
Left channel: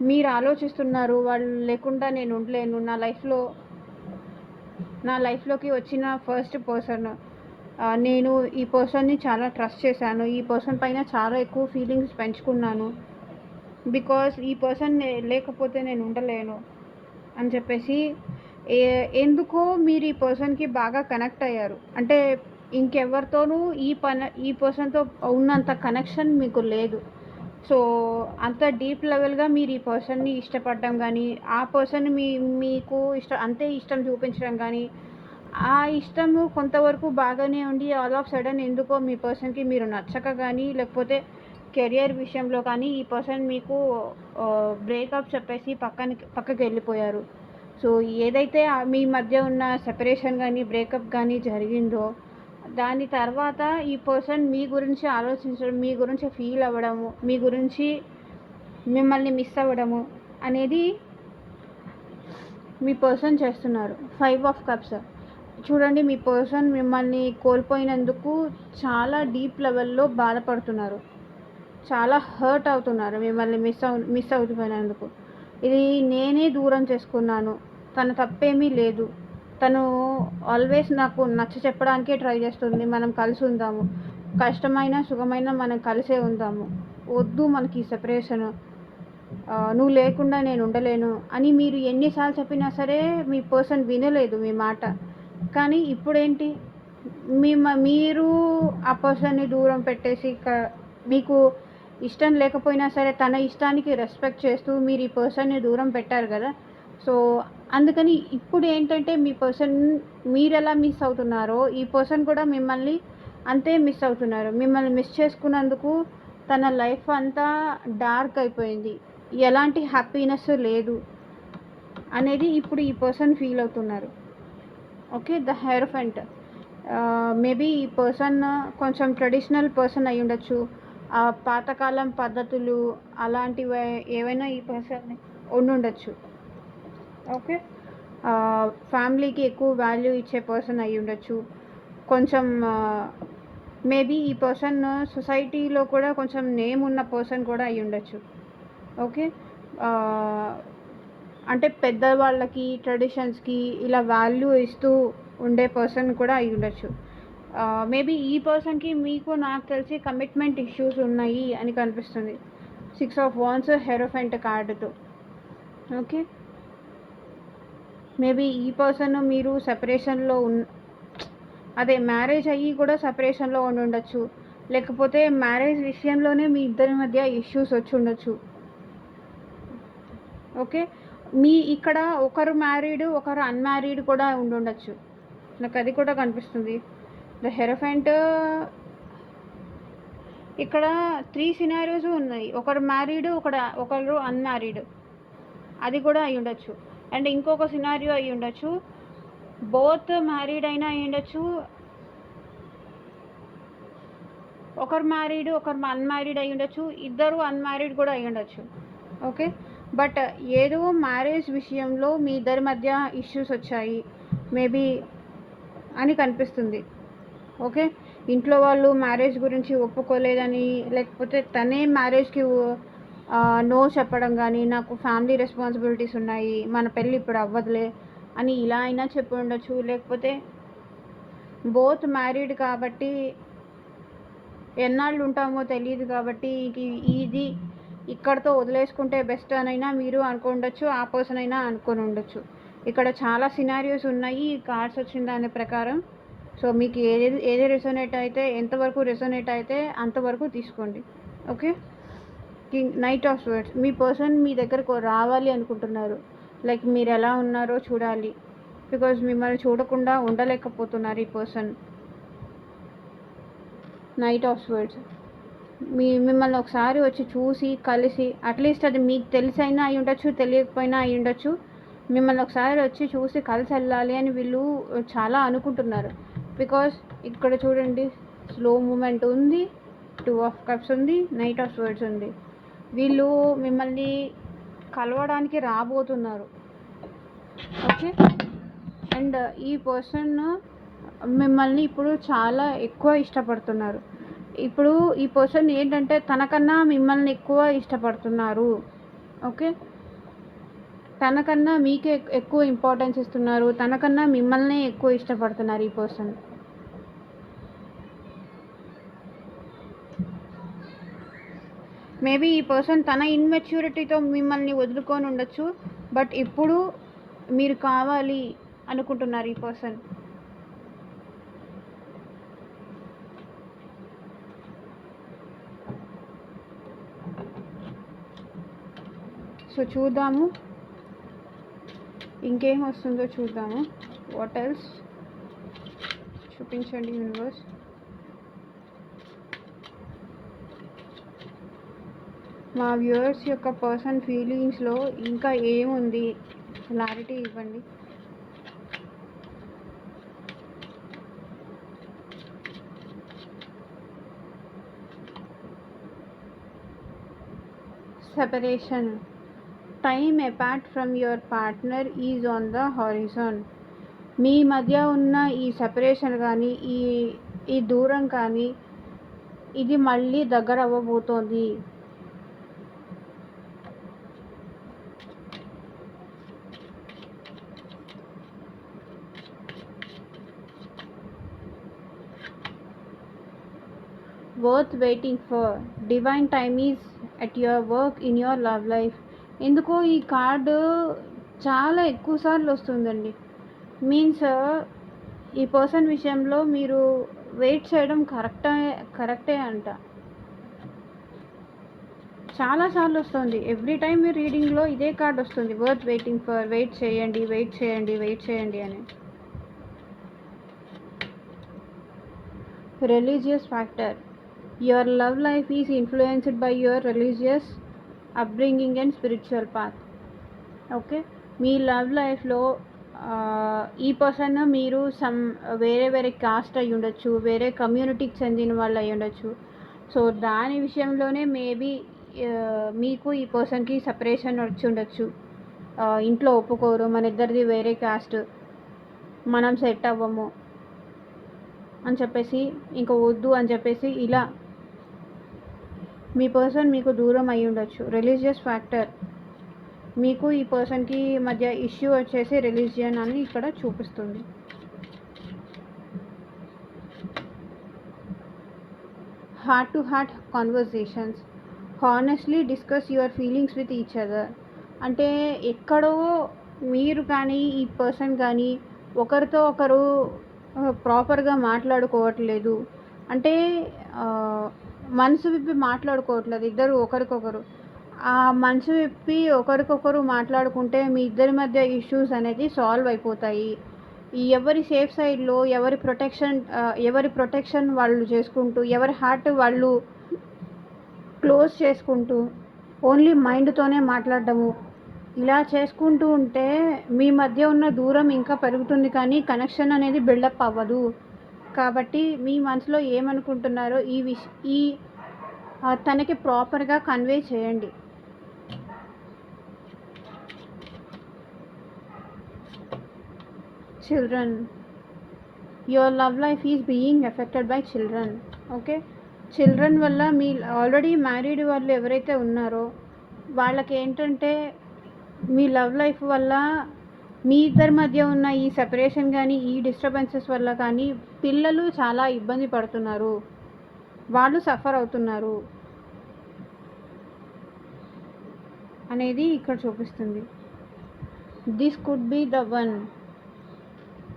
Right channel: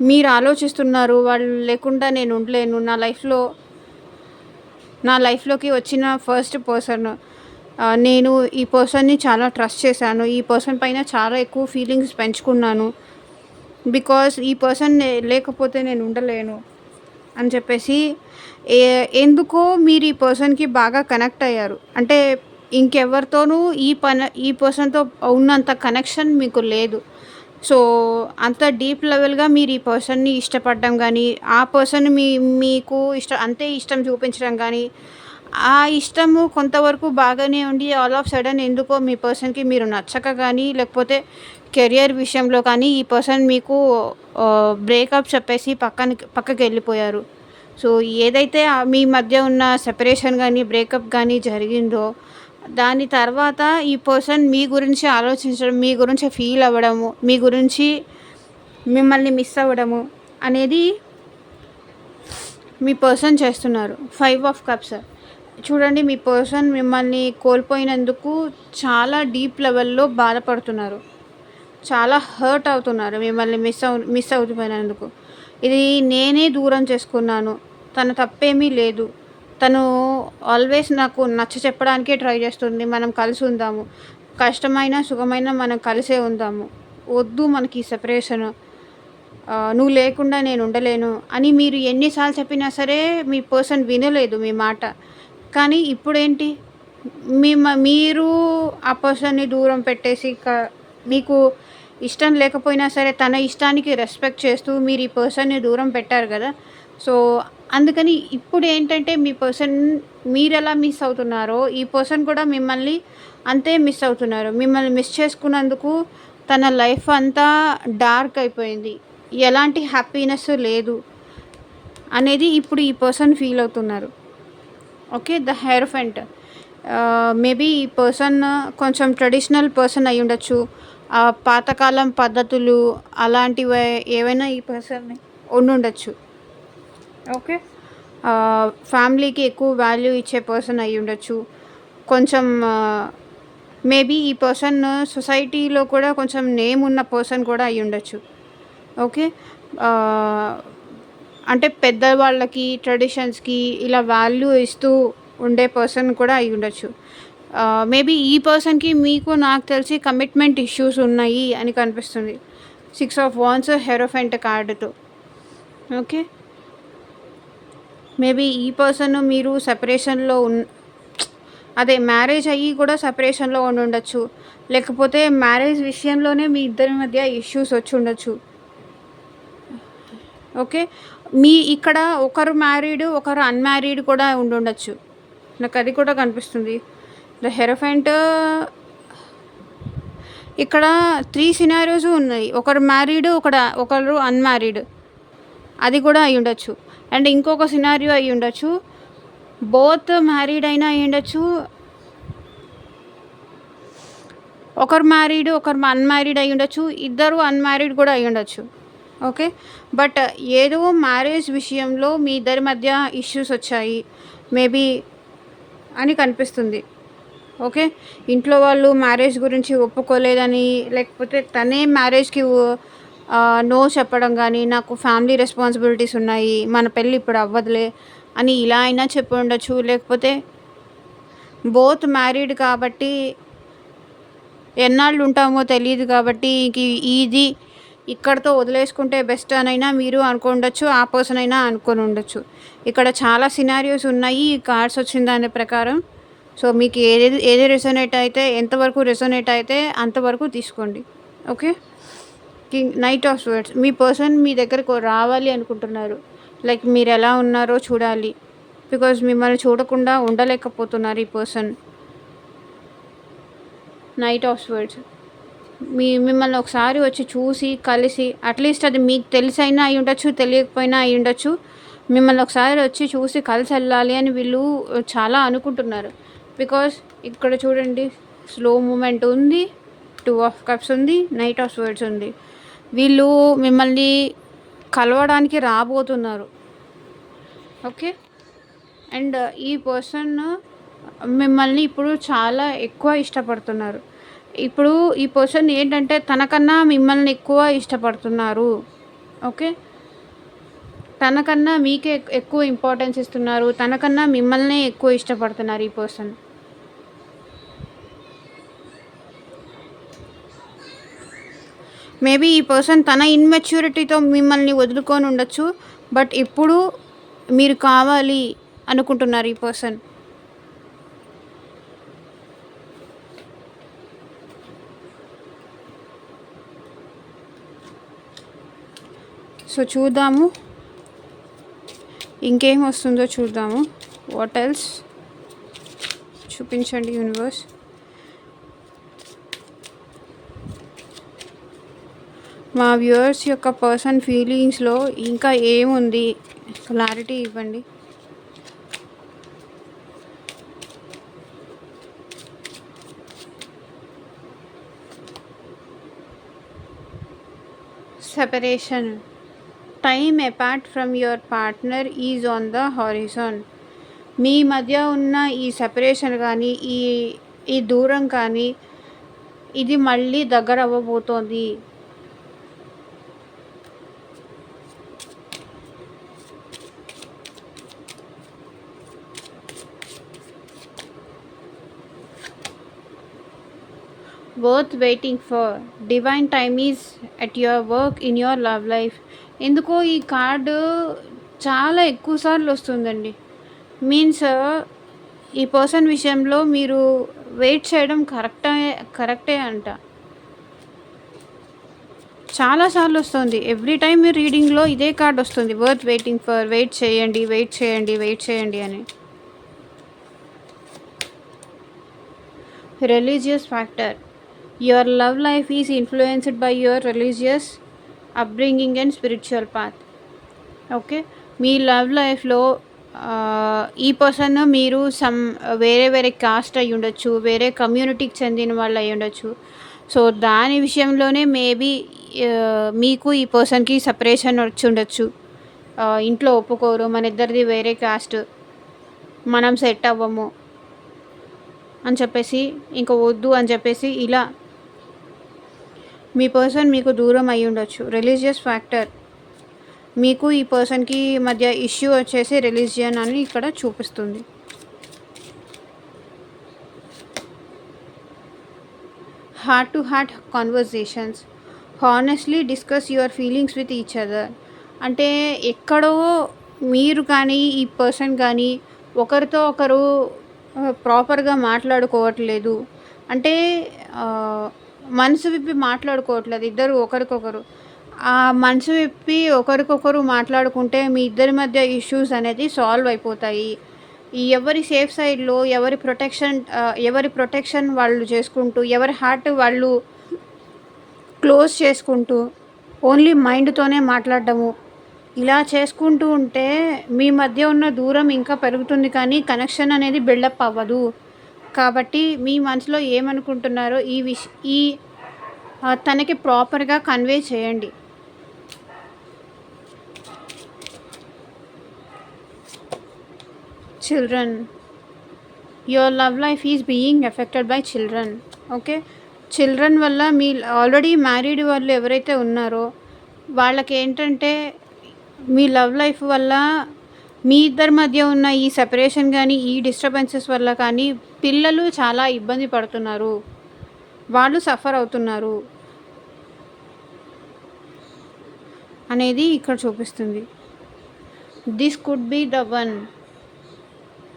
మీరు ఆలోచిస్తున్నారు, వాళ్ళు లేకుండా నేను ఉండలేను. నా లైఫ్‌లోకి వచ్చిన ఫస్ట్ పర్సన్. నేను ఈ పర్సన్‌ని చాలా ట్రస్ట్ చేశాను. ఈ పర్సన్ పైన చాలా ఎక్కువ ఫీలింగ్స్ పెంచుకున్నాను. బికాజ్ ఈ పర్సన్ లేకపోతే నేను ఉండలేను అని చెప్పేసి ఎందుకో మీరు ఈ పర్సన్‌కి బాగా కనెక్ట్ అయ్యారు. అంటే ఇంకెవరితోనూ ఈ పర్సన్‌తో ఉన్నంత కనెక్షన్ మీకు లేదు. సో, అంత డీప్ లెవెల్‌గా మీరు ఈ పర్సన్‌ని ఇష్టపడడం గానీ, ఆ పర్సన్ మీకు అంతే ఇష్టం చూపించడం గానీ, ఆ ఇష్టము కొంతవరకు బాగానే ఉండి ఆల్ ఆఫ్ సడన్ ఎందుకో మీ పర్సన్‌కి మీరు నచ్చక గానీ, లేకపోతే కెరియర్ విషయంలో కానీ ఈ పర్సన్ మీకు బ్రేకప్ చెప్పేసి పక్కకెళ్ళిపోయారు. సో, ఏదైతే మీ మధ్య ఉన్న సెపరేషన్ గానీ, బ్రేకప్ గానీ జరిగిందో, దాని తర్వాత ఈ పర్సన్ మీ గురించి ఆలోచించడం, మీ గురించి ఫీల్ అవ్వడము, మీ గురించి మిమ్మల్ని మిస్ అవ్వడము అనేది మీ పర్సన్ చేస్తున్నారు. 5 ఆఫ్ కప్స్. చూడండి, మీ పర్సన్ మిమ్మల్ని కోల్పోయినందుకు చాలా డీప్ లెవెల్‌లో బాధపడుతున్నారు. చాలా హర్ట్ అవుతున్నారు మిమ్మల్ని మిస్ అవుతుపోయినందుకు. ఇది నేనే దూరం చేసుకున్నాను. తన తప్పేమీ లేదు. తను ఆల్వేస్ నాకు నచ్చచెప్పడానికే ట్రై చేస్తుంది. మనం కలిసి ఉందాము. కష్టమైనా, సుఖమైనా మనం కలిసే ఉందాము. వద్దు మనకి సెపరేషను. నువ్వు లేకుండా నేను ఉండలేను అని మీరు ఎన్నిసార్లు చెప్పినా సరే మీ పర్సన్ వినలేదు మీ మాట. కానీ ఇప్పుడేంటి, మీరు ఆ పర్సన్‌ని దూరం పెట్టేసి మీకు ఇష్టం లేకపోయినా సరే తన ఇష్టానికి రెస్పెక్ట్ చేస్తూ మీరు ఈ పర్సన్‌ని దూరం పెట్టారు కదా! సో, అందుకని ఇప్పుడేంటంటే మీ పర్సన్ మీరెలా మిస్ అవుతున్నారో ఈ పర్సన్ కూడా మిమ్మల్ని అంతే మిస్ అవుతున్నారు. మిమ్మల్ని మిస్ చేసుకున్నందుకు తన లైఫ్ అంతా డార్క్ అయిపోయింది. ఎలాంటి హ్యాపీనెస్ లేదు అనేది ఇప్పుడు ఈ పర్సన్ ఫీల్ అవుతున్నారు. ఓకే. ద హెయిరోఫెంట్. మేబీ ఈ పర్సన్ కొంచెం ట్రెడిషనల్ పర్సన్ అయ్యుండొచ్చు. పాతకాలం పద్ధతులు అలాంటివి ఏవైనా ఈ పర్సన్ ఉండుండొచ్చు. ఓకే. ఫ్యామిలీకి ఎక్కువ వాల్యూ ఇచ్చే పర్సన్ అయ్యుండొచ్చు. కొంచెం మేబీ ఈ పర్సన్ సొసైటీలో కూడా కొంచెం నేమ్ ఉన్న పర్సన్ కూడా అయ్యుండొచ్చు. ఓకే. అంటే పెద్దవాళ్ళకి, ట్రెడిషన్స్‌కి ఇలా వాల్యూ ఇస్తూ ఉండే పర్సన్ కూడా అయ్యుండొచ్చు. మేబీ ఈ పర్సన్‌కి నాకు తెలిసి కమిట్మెంట్ ఇష్యూస్ ఉన్నాయి అని కనిపిస్తుంది. 6 ఆఫ్ వాండ్స్ హెరోఫెంట్ కార్డ్‌తో. ఓకే. మేబీ ఈ పర్సన్ మీరు సెపరేషన్‌లో అదే మ్యారేజ్ అయ్యి కూడా సెపరేషన్‌లో ఉండుండొచ్చు. లేకపోతే మ్యారేజ్ విషయంలోనే మీ ఇద్దరి మధ్య ఇష్యూస్ వచ్చుండొచ్చు. ఓకే. మీ ఇక్కడ ఒకరు మ్యారీడ్, ఒకరు అన్‌మ్యారీడ్ కూడా ఉండుండొచ్చు. నాకది కూడా కనిపిస్తుంది. ద హెరోఫెంట్ ఇక్కడ 3 సినారియోస్ ఉన్నాయి. ఒకరు మ్యారీడ్, ఒకరు అన్‌మ్యారీడ్. అది కూడా అయ్యుండొచ్చు. అండ్ ఇంకొక సినారియో అయ్యుండొచ్చు. బోత్ మ్యారీడ్ అయినా అయ్యుండొచ్చు. ఒకరు మ్యారీడ్, ఒకరు అన్‌మ్యారీడ్ అయ్యుండొచ్చు. ఇద్దరు అన్‌మ్యారీడ్ కూడా అయ్యుండొచ్చు. ఓకే. బట్ ఏదో మ్యారేజ్ విషయంలో మీ ఇద్దరి మధ్య ఇష్యూస్ వచ్చాయి మేబీ అని కనిపిస్తుంది. ఓకే. ఇంట్లో వాళ్ళు మ్యారేజ్ గురించి ఒప్పుకోలేదని, లేకపోతే తనే మ్యారేజ్‌కి నో చెప్పడం గానీ, నాకు ఫ్యామిలీ రెస్పాన్సిబిలిటీస్ ఉన్నాయి, మన పెళ్ళి ఇప్పుడు అవ్వదులే అని ఇలా అయినా చెప్పి ఉండొచ్చు. లేకపోతే బోత్ మ్యారీడ్ కాబట్టి ఎన్నాళ్ళు ఉంటామో తెలీదు కాబట్టి ఇది ఇక్కడితో వదిలేసుకుంటే బెస్ట్ అనైనా మీరు అనుకుండొచ్చు. ఆ పర్సన్ అయినా అనుకొని ఉండొచ్చు. ఇక్కడ చాలా సినారియోస్ ఉన్నాయి ఈ కార్డ్స్ వచ్చిన దాని ప్రకారం. సో మీకు ఏది రెసొనేట్ అయితే, ఎంతవరకు రెసొనేట్ అయితే అంతవరకు తీసుకోండి. ఓకే. Knight of swords. మీ పర్సన్ మీ దగ్గరకు రావాలి అనుకుంటున్నారు. లైక్ మీరు ఎలా ఉన్నారో చూడాలి. బికాజ్ మిమ్మల్ని చూడకుండా ఉండలేకపోతున్నారు ఈ పర్సన్. Night of swords. మిమ్మల్ని ఒకసారి వచ్చి చూసి కలిసి, అట్లీస్ట్ అది మీకు తెలిసైనా అయి ఉండొచ్చు, తెలియకపోయినా అయి ఉండొచ్చు. మిమ్మల్ని ఒకసారి వచ్చి చూసి కలిసి వెళ్ళాలి అని వీళ్ళు చాలా అనుకుంటున్నారు. బికాస్ ఇక్కడ చూడండి, స్లో మూమెంట్ ఉంది, 2 ఆఫ్ కప్స్ ఉంది, నైట్ ఆఫ్ స్వర్డ్స్ ఉంది. వీళ్ళు మిమ్మల్ని కలవడానికి రాబోతున్నారు. ఓకే. అండ్ ఈ పర్సన్ మిమ్మల్ని ఇప్పుడు చాలా ఎక్కువ ఇష్టపడుతున్నారు. ఇప్పుడు ఈ పర్సన్ ఏంటంటే తనకన్నా మిమ్మల్ని ఎక్కువ ఇష్టపడుతున్నారు. ఓకే. తనకన్నా మీకే ఎక్కువ ఇంపార్టెన్స్ ఇస్తున్నారు. తనకన్నా మిమ్మల్నే ఎక్కువ ఇష్టపడుతున్నారు ఈ పర్సన్. మేబీ ఈ పర్సన్ తన ఇన్మెచ్యూరిటీతో మిమ్మల్ని వదులుకొని ఉండొచ్చు. బట్ ఇప్పుడు మీరు కావాలి అనుకుంటున్నారు ఈ పర్సన్. సో చూద్దాము ఇంకేం వస్తుందో చూద్దాము. వాట్ ఎల్స్ చూపించండి యూనివర్స్. మా వ్యూవర్స్ యొక్క పర్సన్ ఫీలింగ్స్లో ఇంకా ఏముంది క్లారిటీ ఇవ్వండి. Separation. Time apart from your partner is on the horizon. మీ మధ్య ఉన్న ఈ సెపరేషన్ కానీ, ఈ దూరం కానీ, ఇది మళ్ళీ దగ్గర అవ్వబోతోంది. Worth waiting for. Divine time is at your work in your love life. ఎందుకో ఈ కార్డు చాలా ఎక్కువ సార్లు వస్తుందండి. మీన్స్ ఈ పర్సన్ విషయంలో మీరు వెయిట్ చేయడం కరెక్టే అంట. చాలాసార్లు వస్తుంది. ఎవ్రీ టైం మీ రీడింగ్లో ఇదే కార్డ్ వస్తుంది, వర్త్ వెయిటింగ్ ఫర్. వెయిట్ చేయండి, వెయిట్ చేయండి, వెయిట్ చేయండి అని. Religious factor. Your love life is influenced by your religious upbringing and spiritual path. Okay. Me love లైఫ్లో ఈ పర్సన్ మీరు వేరే కాస్ట్ అయి ఉండొచ్చు, వేరే కమ్యూనిటీకి చెందిన వాళ్ళు అయి ఉండొచ్చు. సో దాని విషయంలోనే మేబీ మీకు ఈ పర్సన్కి సపరేషన్ వచ్చి ఉండొచ్చు. ఇంట్లో ఒప్పుకోరు, మన ఇద్దరిది వేరే కాస్ట్, మనం సెట్ అవ్వము అని చెప్పేసి, ఇంకా వద్దు అని చెప్పేసి ఇలా మీ పర్సన్ మీకు దూరం అయి ఉండొచ్చు. Religious factor. మీకు ఈ పర్సన్కి మధ్య ఇష్యూ వచ్చేసి రిలీజియన్ అని ఇక్కడ చూపిస్తుంది. Heart to heart conversations. Honestly discuss your feelings with each other. అంటే ఎక్కడో మీరు కానీ ఈ పర్సన్ కానీ ఒకరితో ఒకరు ప్రాపర్గా మాట్లాడుకోవట్లేదు. అంటే మనసు విప్పి మాట్లాడుకోవట్లేదు ఇద్దరు ఒకరికొకరు. మనసు విప్పి ఒకరికొకరు మాట్లాడుకుంటే మీ ఇద్దరి మధ్య ఇష్యూస్ అనేది సాల్వ్ అయిపోతాయి. ఎవరి సేఫ్ సైడ్‌లో ఎవరి ప్రొటెక్షన్ వాళ్ళు చేసుకుంటూ, ఎవరి హార్ట్ వాళ్ళు క్లోజ్ చేసుకుంటూ, ఓన్లీ మైండ్‌తోనే మాట్లాడడము. ఇలా చేసుకుంటూ ఉంటే మీ మధ్య ఉన్న దూరం ఇంకా పెరుగుతుంది కానీ కనెక్షన్ అనేది బిల్డప్ అవ్వదు. కాబట్టి మీ మనసులో ఏమనుకుంటున్నారో ఈ తనకి ప్రాపర్‌గా కన్వే చేయండి. Children, your love life is being affected by children. Okay, children వల్ల మీ ఆల్రెడీ మ్యారీడ్ వాళ్ళు ఎవరైతే ఉన్నారో వాళ్ళకి ఏంటంటే మీ లవ్ లైఫ్ వల్ల మీ ఇద్దరి మధ్య ఉన్న ఈ సెపరేషన్ కానీ ఈ డిస్టర్బెన్సెస్ వల్ల కానీ పిల్లలు చాలా ఇబ్బంది పడుతున్నారు, వాళ్ళు సఫర్ అవుతున్నారు అనేది ఇక్కడ చూపిస్తుంది. This could be the one.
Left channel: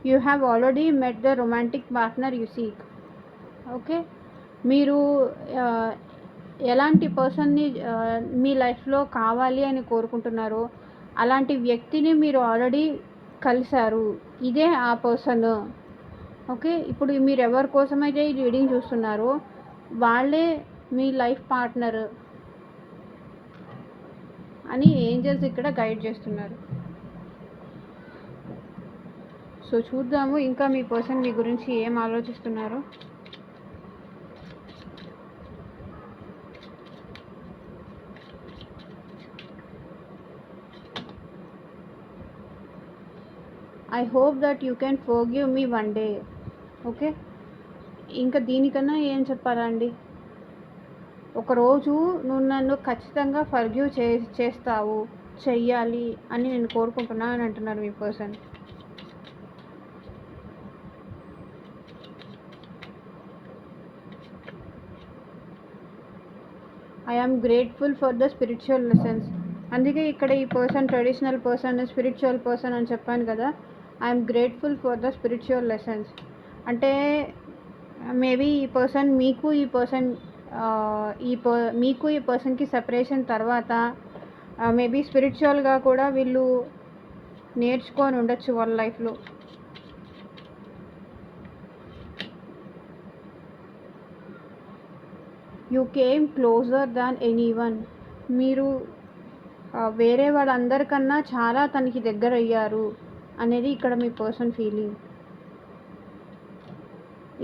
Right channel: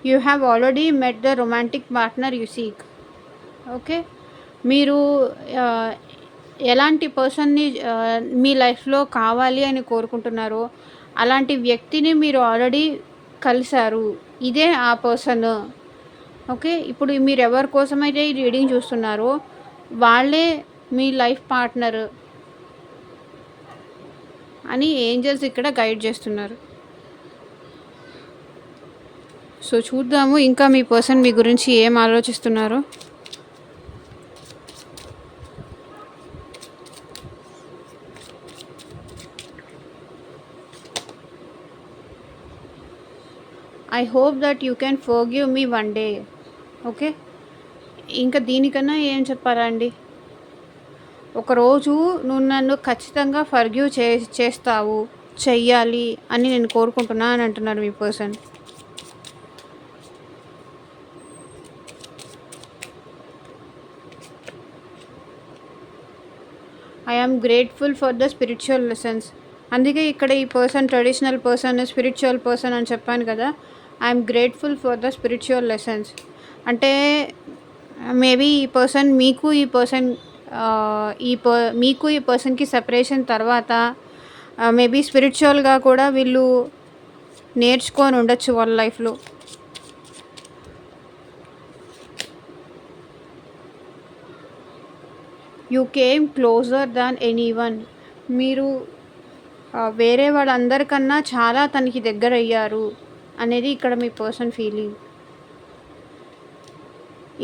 You have already met the romantic partner you seek. Okay, మీరు ఎలాంటి పర్సన్ని మీ లైఫ్లో కావాలి అని కోరుకుంటున్నారో అలాంటి వ్యక్తిని మీరు ఆల్రెడీ కలిశారు. ఇదే ఆ పర్సన్. ఓకే, ఇప్పుడు మీరు ఎవరి కోసమైతే ఈ రీడింగ్ చూస్తున్నారో వాళ్ళే మీ లైఫ్ పార్ట్నర్ అని ఏంజల్స్ ఇక్కడ గైడ్ చేస్తున్నారు. సో చూద్దాము ఇంకా మీ పర్సన్ మీ గురించి ఏం ఆలోచిస్తున్నారో. I hope that you can forgive me one day. Okay, ఇంకా దీనికన్నా ఏం చెప్పారా అండి. ఒకరోజు నువ్వు నన్ను ఖచ్చితంగా ఫర్గివ్ చేస్తావు, చెయ్యాలి అని నేను కోరుకుంటున్నా అని అంటున్నారు మీ person. I am grateful for the spiritual lessons. అందుకే ఇక్కడ ఈ person traditional person, spiritual person అని చెప్పాను కదా. I'm grateful for the spiritual lessons అంటే మేబీ ఈ పర్సన్ మీకు ఈ పర్సన్కి సెపరేషన్ తర్వాత మేబీ స్పిరిచువల్గా కూడా వీళ్ళు నేర్చుకొని ఉండొచ్చు వాళ్ళ లైఫ్లో. You came closure than anyone. మీరు వేరే వాళ్ళందరికన్నా చాలా తనకి దగ్గర అయ్యారు అనేది ఇక్కడ మీ పర్సన్ ఫీలింగ్.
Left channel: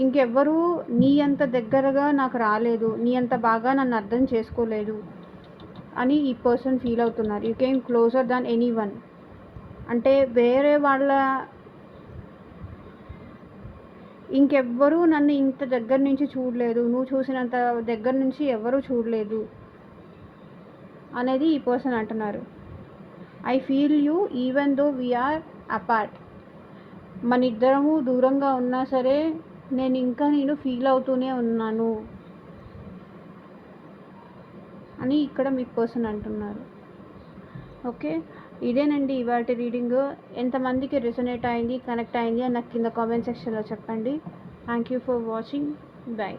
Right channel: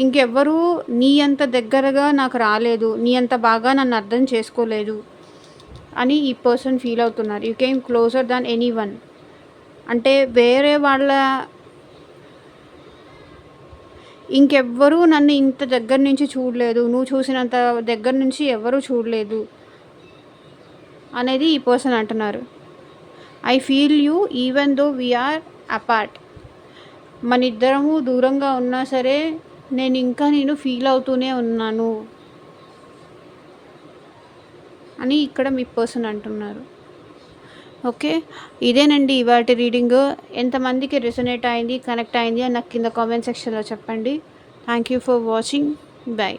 ఇంకెవ్వరూ నీ అంత దగ్గరగా నాకు రాలేదు, నీ అంత బాగా నన్ను అర్థం చేసుకోలేదు అని ఈ పర్సన్ ఫీల్ అవుతున్నారు. You came closure than anyone అంటే వేరే వాళ్ళ ఇంకెవ్వరూ నన్ను ఇంత దగ్గర నుంచి చూడలేదు, నువ్వు చూసినంత దగ్గర నుంచి ఎవరూ చూడలేదు అనేది ఈ పర్సన్ అంటున్నారు. I feel you even though we are apart. మన ఇద్దరము దూరంగా ఉన్నా సరే నేను ఫీల్ అవుతూనే ఉన్నాను అని ఇక్కడ మీ పర్సన్ అంటున్నారు. ఓకే, ఇదేనండి ఇవాటి రీడింగ్. ఎంతమందికి రెసొనేట్ అయింది, కనెక్ట్ అయింది అని నాకు కింద కామెంట్ సెక్షన్లో చెప్పండి. Thank you for watching. By.